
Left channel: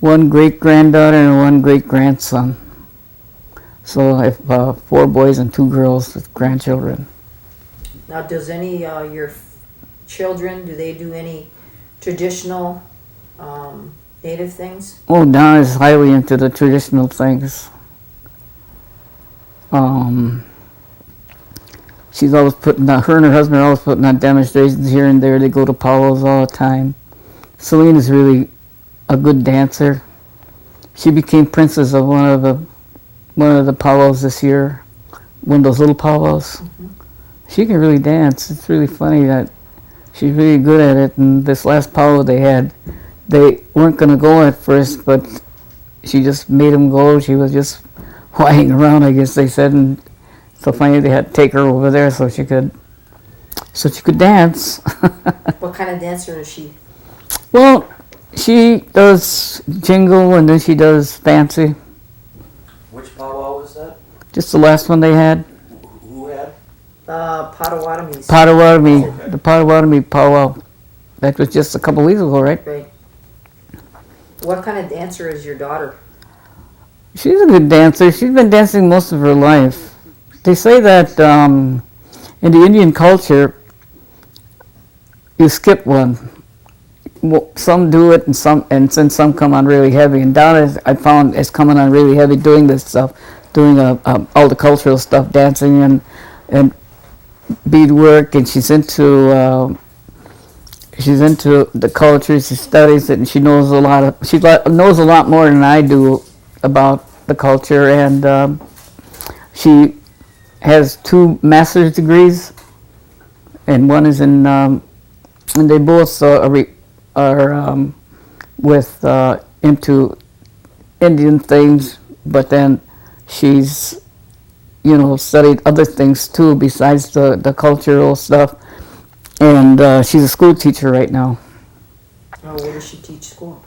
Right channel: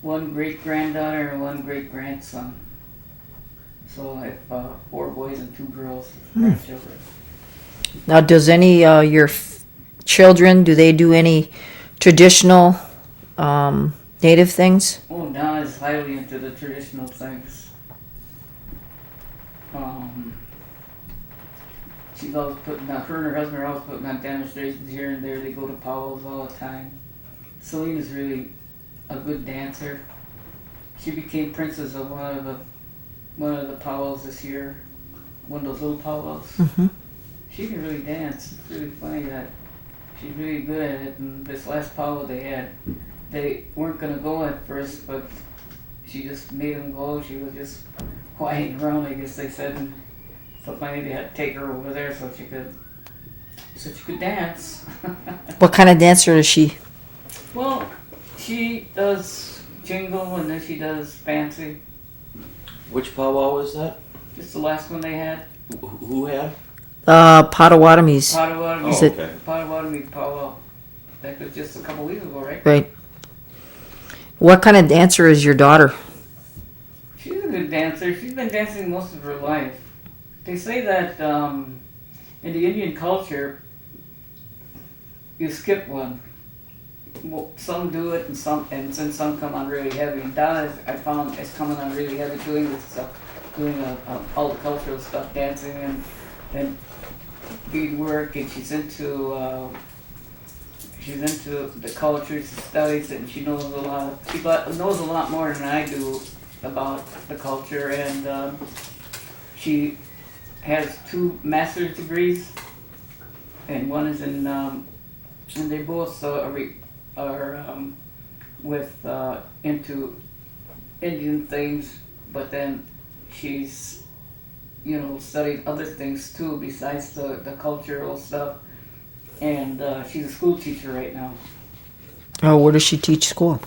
1 great-granddaughter and 1 great-grandson. So I have 4 boys and 2 girls with grandchildren. Now, does any your children, do they do any traditional native things? Oh, Donna's highly into the traditional things. She's always putting on, her and her husband are always putting on demonstrations here and there. They go to powwows all the time. Celine is really a good dancer. She became princess of one of the powwows this year, one of those little powwows. Mm-hmm. She can really dance. It's really funny that she's really good at it. And this last powwow they had, they weren't going to go at first, but she just made them go. She was just whining around, I guess they said, and so finally they had to take her over there so she could dance. What kind of dancer is she? Well, she does jingle and then she does fancy. Which powwow was that? Just the last one they had. Who had? Potawatomis. Potawatomi. Okay. The Potawatomi powwow. That was just a couple weeks ago, right? Right. What kind of dancer is your daughter? She's a good dancer. She's been dancing most of her life. They say that in the Indian culture, you skip one. Well, some do it, and then some come on really heavy. And Donna, I found, is coming on really heavy doing this stuff, doing all the cultural stuff, dancing and beadwork, and she's into the culture. She studies it, and she knows knows a lot more than I do about the culture. And she has 2 master's degrees, and one is in, and they both are with into Indian things, but then she's studied other things too besides the cultural stuff. And she's a school teacher right now. Oh, where does she teach school?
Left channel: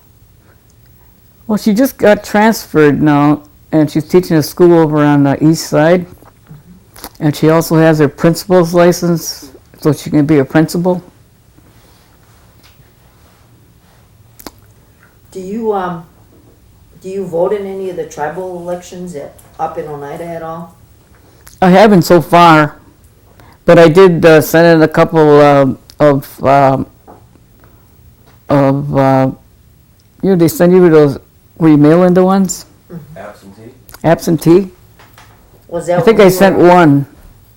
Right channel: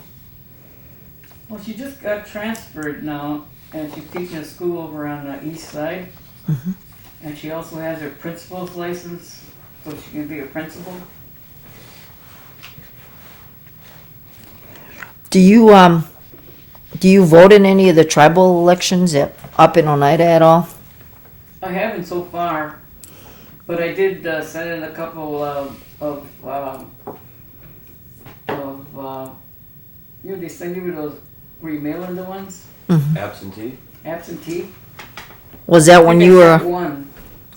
Well, she just got transferred now, and she's teaching a school over on the east side. And she also has her principal's license, so she can be a principal. Do you vote in any of the tribal elections up in Oneida at all? I haven't so far, but I did send in a couple they send you those where you mail in the ones, Absentee? absentee. Was I that think when I you sent were? one.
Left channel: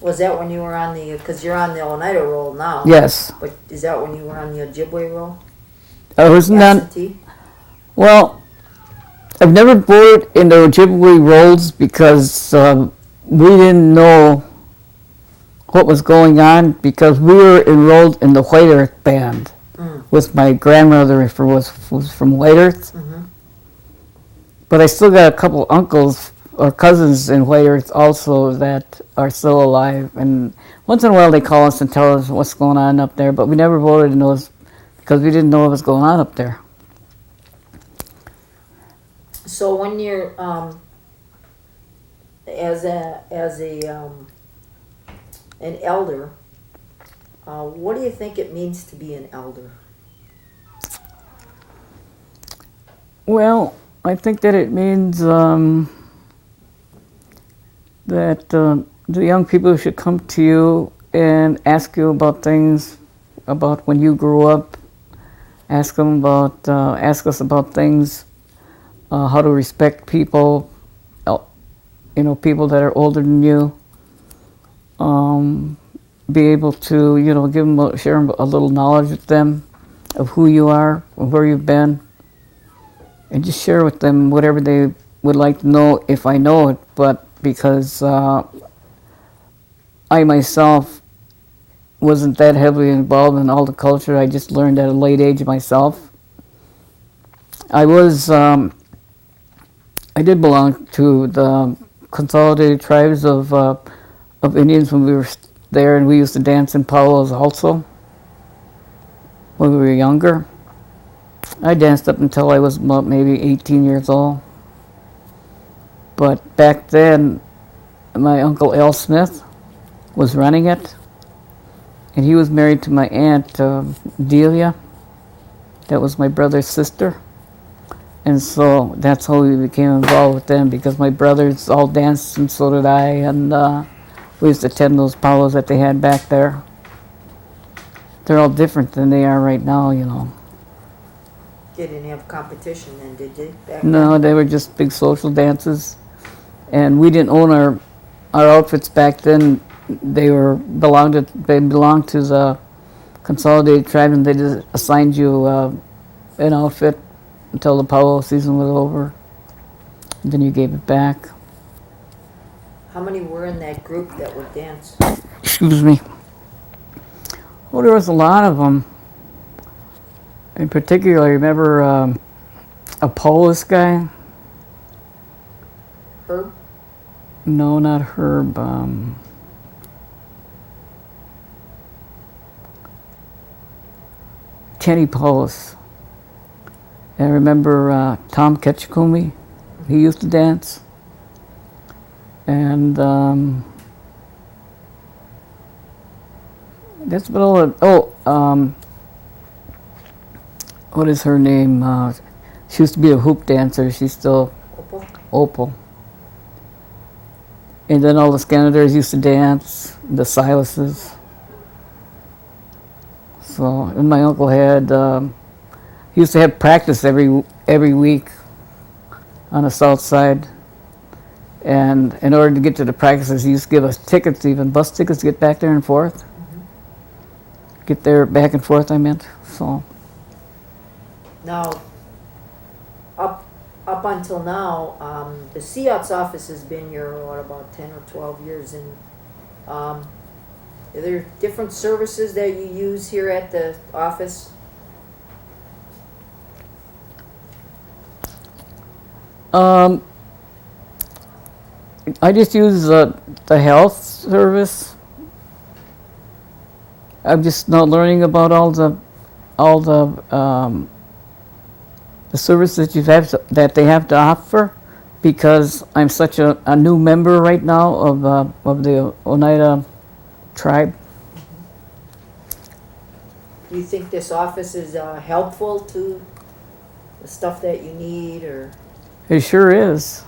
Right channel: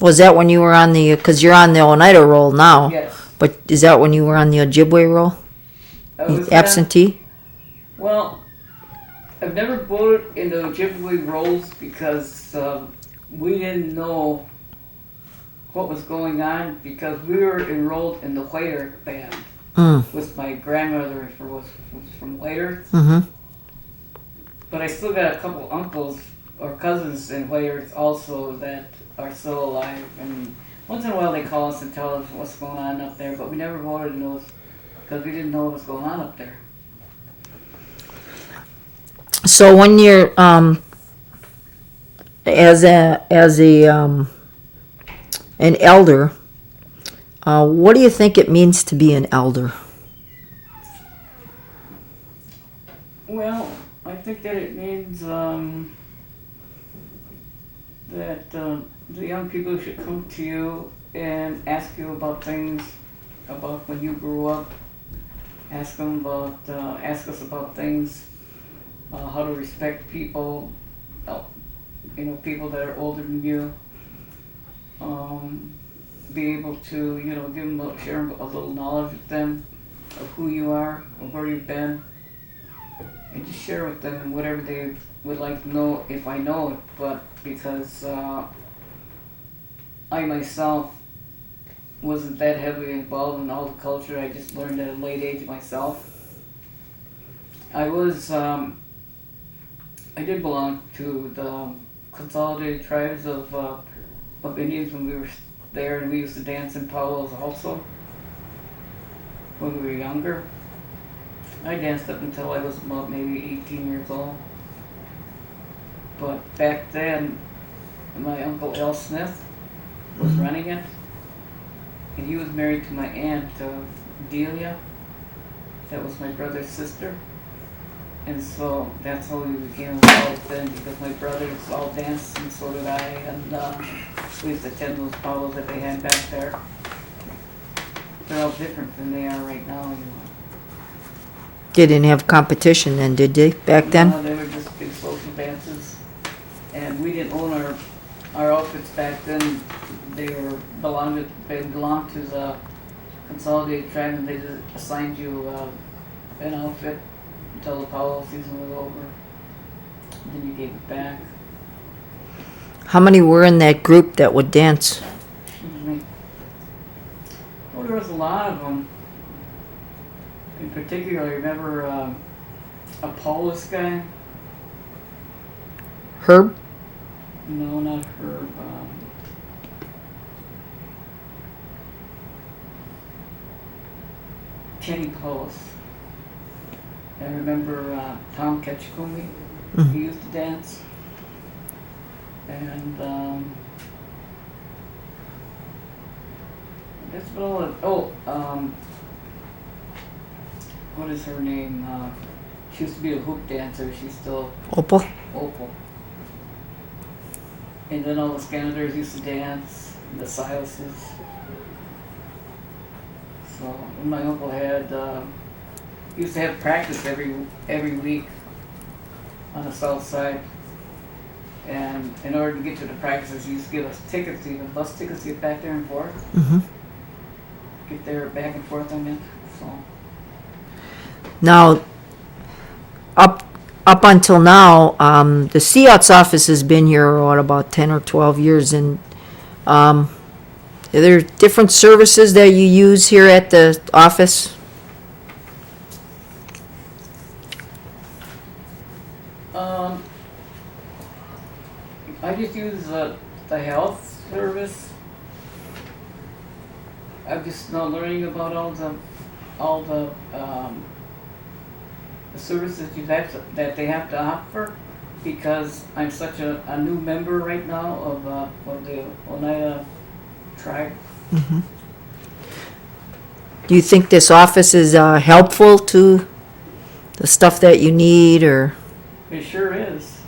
Was that when you were on the? Because you're on the Oneida roll now. Yes, But is that when you were on the Ojibwe roll? I was not. Absentee. Well, I've never voted in the Ojibwe rolls because we didn't know what was going on because we were enrolled in the White Earth band with my grandmother was from White Earth. Mm-hmm. But I still got a couple uncles or cousins in White Earth also that are still alive. And once in a while they call us and tell us what's going on up there. But we never voted in those because we didn't know what was going on up there. So when you're as an elder, what do you think it means to be an elder? Well, I think that it means that the young people should come to you and ask you about things, about when you grew up. Ask us about things, how to respect people, people that are older than you. Be able to, share a little knowledge with them of who you are, or where you've been. And just share with them whatever they would like to know if I know it, but because I myself wasn't that heavily involved in all the culture, I just learned at a late age myself. I did belong to the Consolidated Tribes of Indians when we were there, and we used to dance in powwows also when we were younger. I danced up until I was about maybe 18 years old. But back then, my Uncle Al Smith was running it. And he was married to my aunt, Delia. That was my brother's sister. And so that's how we became involved with them, because my brothers all danced and so did I. And we used to attend those powwows that they had back there. They're all different than they are right now, They didn't have competition then, did they, back then? No, they were just big social dances. And we didn't own our outfits back then. They belonged to the Consolidated Tribe, and they just assigned you an outfit until the powwow season was over. And then you gave it back. How many were in that group that would dance? Excuse me. Well, there was a lot of them. In particular, I remember a Polish guy. Herb? No, not Herb. Kenny Paulus. I remember Tom Ketchikumi. He used to dance. And that's about all it. What is her name? She used to be a hoop dancer. She's still Opal. And then all the Scandinavers used to dance, the Silases. So, and my uncle used to have practice every week on the south side. And in order to get to the practices, he used to give us tickets, even bus tickets, to get back there and forth. Mm-hmm. Get there back and forth, I meant. So. Now, up until now, the COTS office has been here, about 10 or 12 years, and are there different services that you use here at the office? I just use the health service. I'm just now learning about the service that that they have to offer, because I'm such a new member right now of the Oneida tribe. Do you think this office is helpful to the stuff that you need, or? It sure is.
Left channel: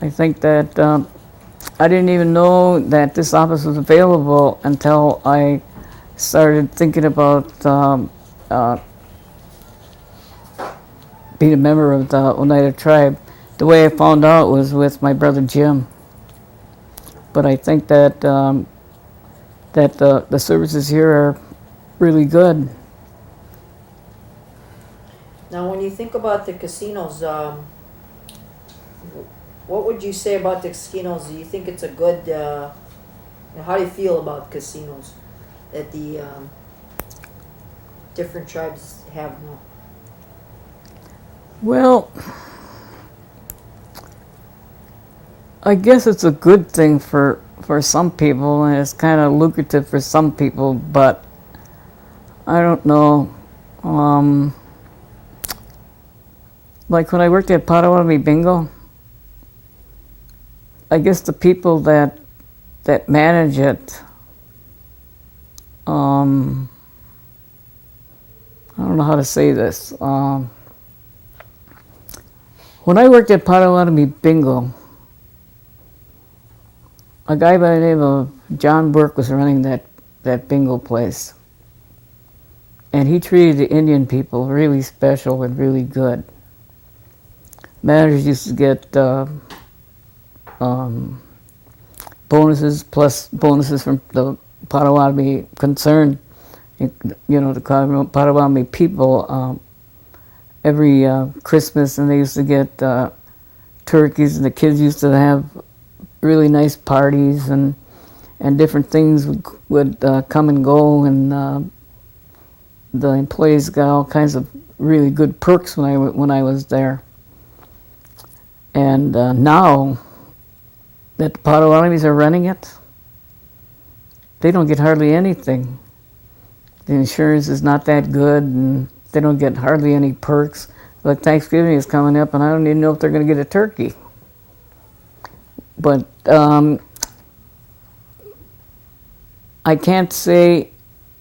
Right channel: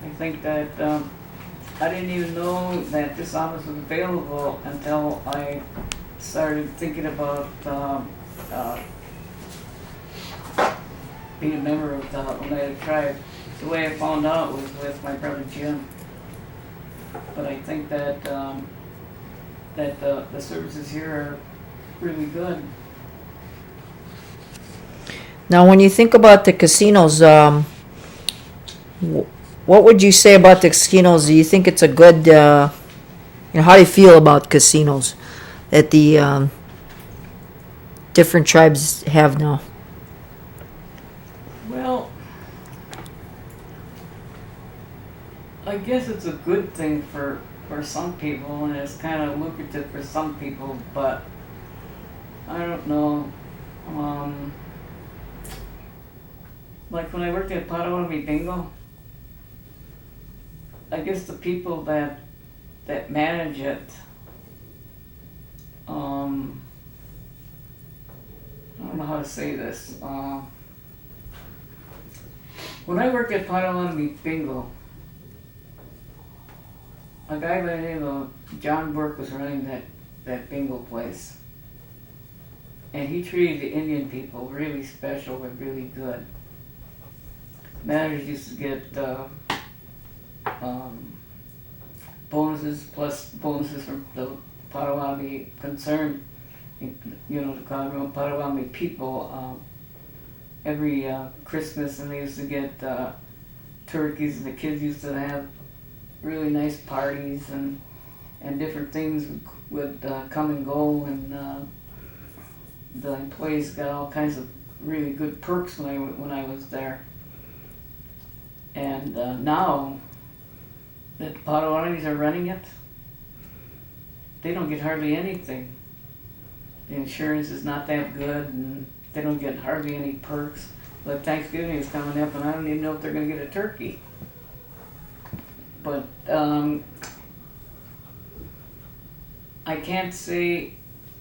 I think that I didn't even know that this office was available until I started thinking about being a member of the Oneida tribe. The way I found out was with my brother Jim. But I think that that the services here are really good. Now, when you think about the casinos, what would you say about the casinos? Do you think it's a good, how do you feel about casinos that the different tribes have now? Well, I guess it's a good thing for some people, and it's kind of lucrative for some people, but I don't know. Like when I worked at Potawatomi Bingo, I guess the people that manage it, I don't know how to say this. When I worked at Potawatomi Bingo, a guy by the name of John Burke was running that bingo place. And he treated the Indian people really special and really good. Managers used to get bonuses, plus bonuses from the Potawatomi concern, the Potawatomi people, every Christmas, and they used to get turkeys, and the kids used to have really nice parties, and different things would come and go, and the employees got all kinds of really good perks when I was there. And now that the Potawatomis are running it, they don't get hardly anything. The insurance is not that good, and they don't get hardly any perks. Like Thanksgiving is coming up, and I don't even know if they're going to get a turkey. But I can't say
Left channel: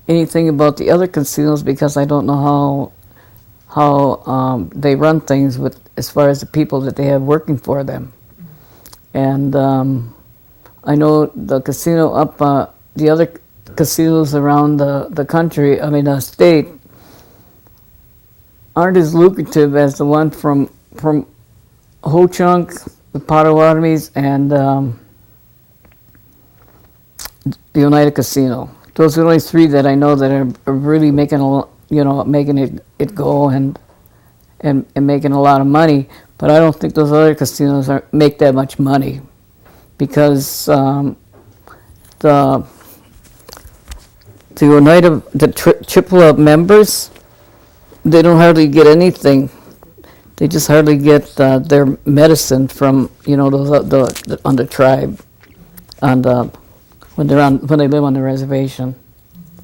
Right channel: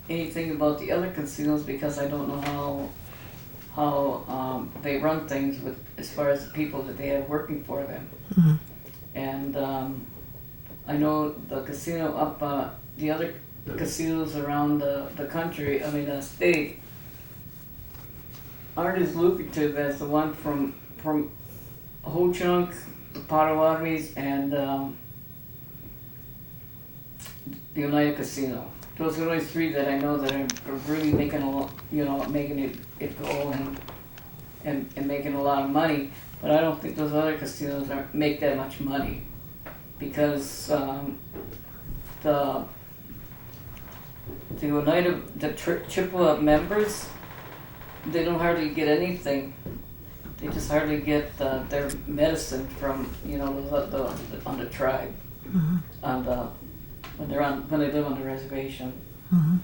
anything about the other casinos because I don't know how they run things with as far as the people that they have working for them. Mm-hmm. And I know the casino up, the other casinos around the country, state, aren't as lucrative as the one from Ho-Chunk, the Potawatomis, and the Oneida Casino. Those are the only three that I know that are really making making it go and making a lot of money. But I don't think those other casinos make that much money, because the Oneida, Chippewa members, they don't hardly get anything. They just hardly get their medicine from those on the tribe, mm-hmm. When they live on the reservation. Mm-hmm.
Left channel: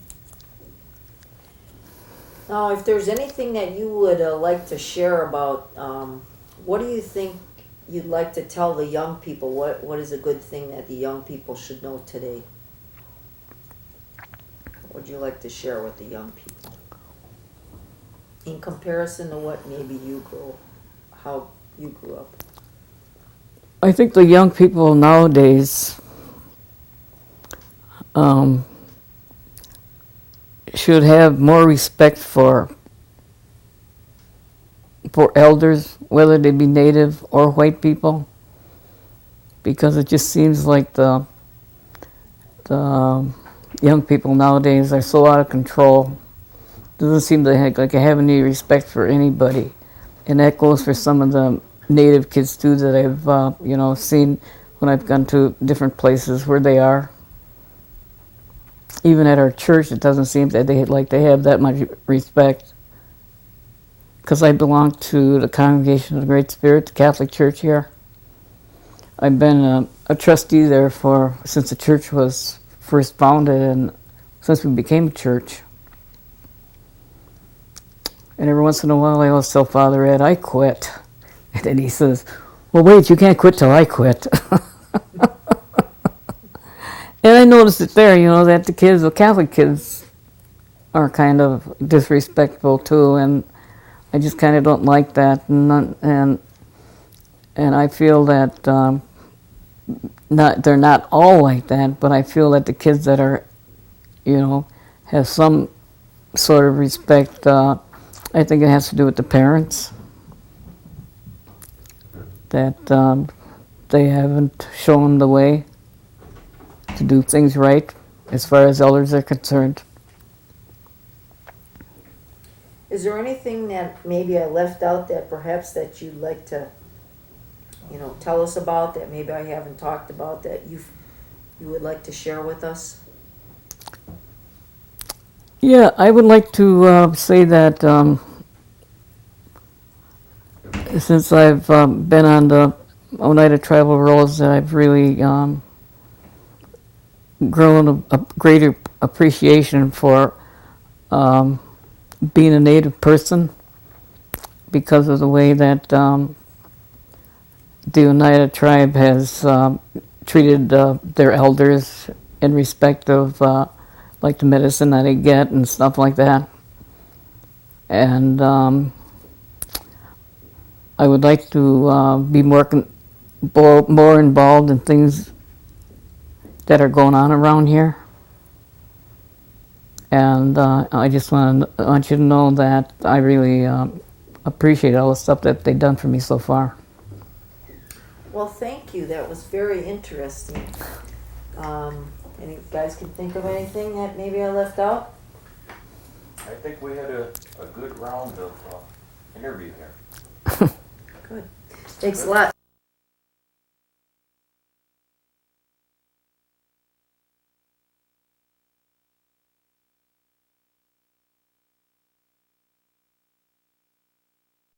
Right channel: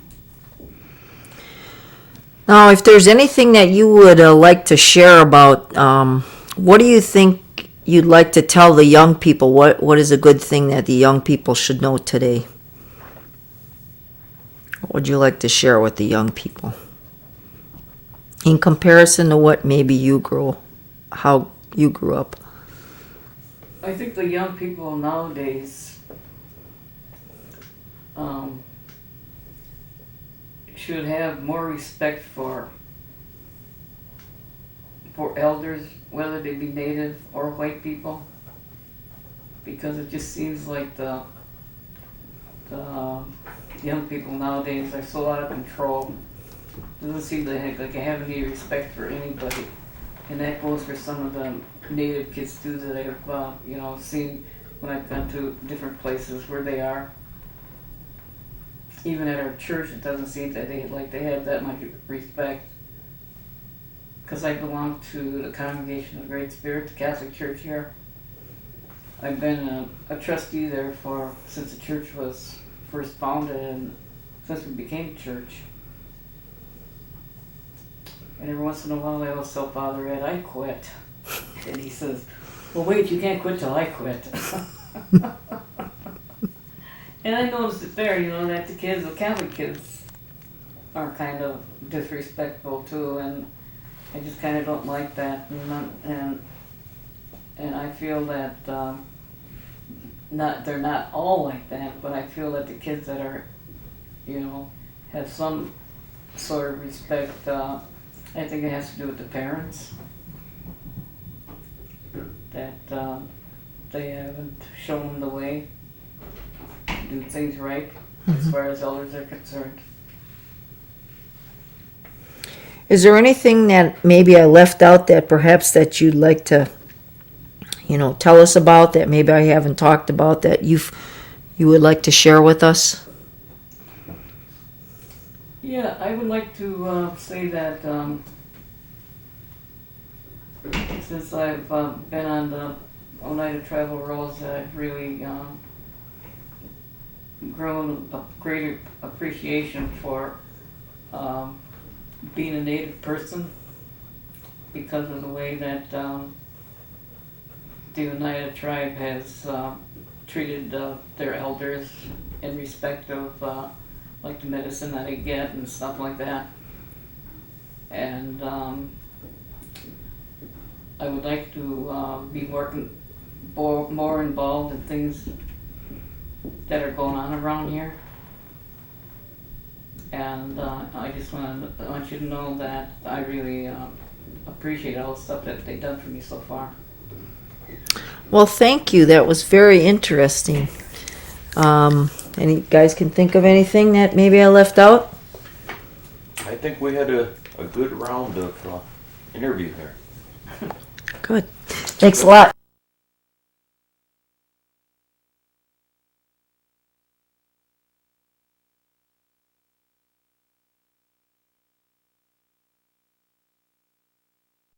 Now, if there's anything that you would like to share about, what do you think you'd like to tell the young people? What is a good thing that the young people should know today? What would you like to share with the young people in comparison to what maybe how you grew up? I think the young people nowadays should have more respect for elders, whether they be native or white people, because it just seems like the young people nowadays are so out of control. Doesn't seem to have any respect for anybody, and that goes for some of the native kids too that I've seen when I've gone to different places where they are. Even at our church, it doesn't seem that they have that much respect. Because I belong to the Congregation of the Great Spirit, the Catholic Church here. I've been a trustee there since the church was first founded, and since we became a church. And every once in a while I always tell Father Ed, I quit. And then he says, well, wait, you can't quit till I quit. And I noticed it there, that the kids, the Catholic kids, are kind of disrespectful too, and I just kind of don't like that. And I feel that they're not all like that, but I feel that the kids that are, have some sort of respect, I think it has to do with the parents. That they haven't shown the way to do things right as far as elders are concerned. Is there anything that maybe I left out that perhaps that you'd like to, tell us about, that maybe I haven't talked about, that you would like to share with us? Yeah, I would like to say that since I've been on the Oneida tribal rolls, I've really grown a greater appreciation for being a Native person because of the way that the Oneida tribe has treated their elders in respect of like the medicine that they get and stuff like that. And I would like to be more involved in things that are going on around here. And I just want you to know that I really appreciate all the stuff that they've done for me so far. Well, thank you. That was very interesting. Any guys can think of anything that maybe I left out? I think we had a good round of interview here. Good. Thanks a lot.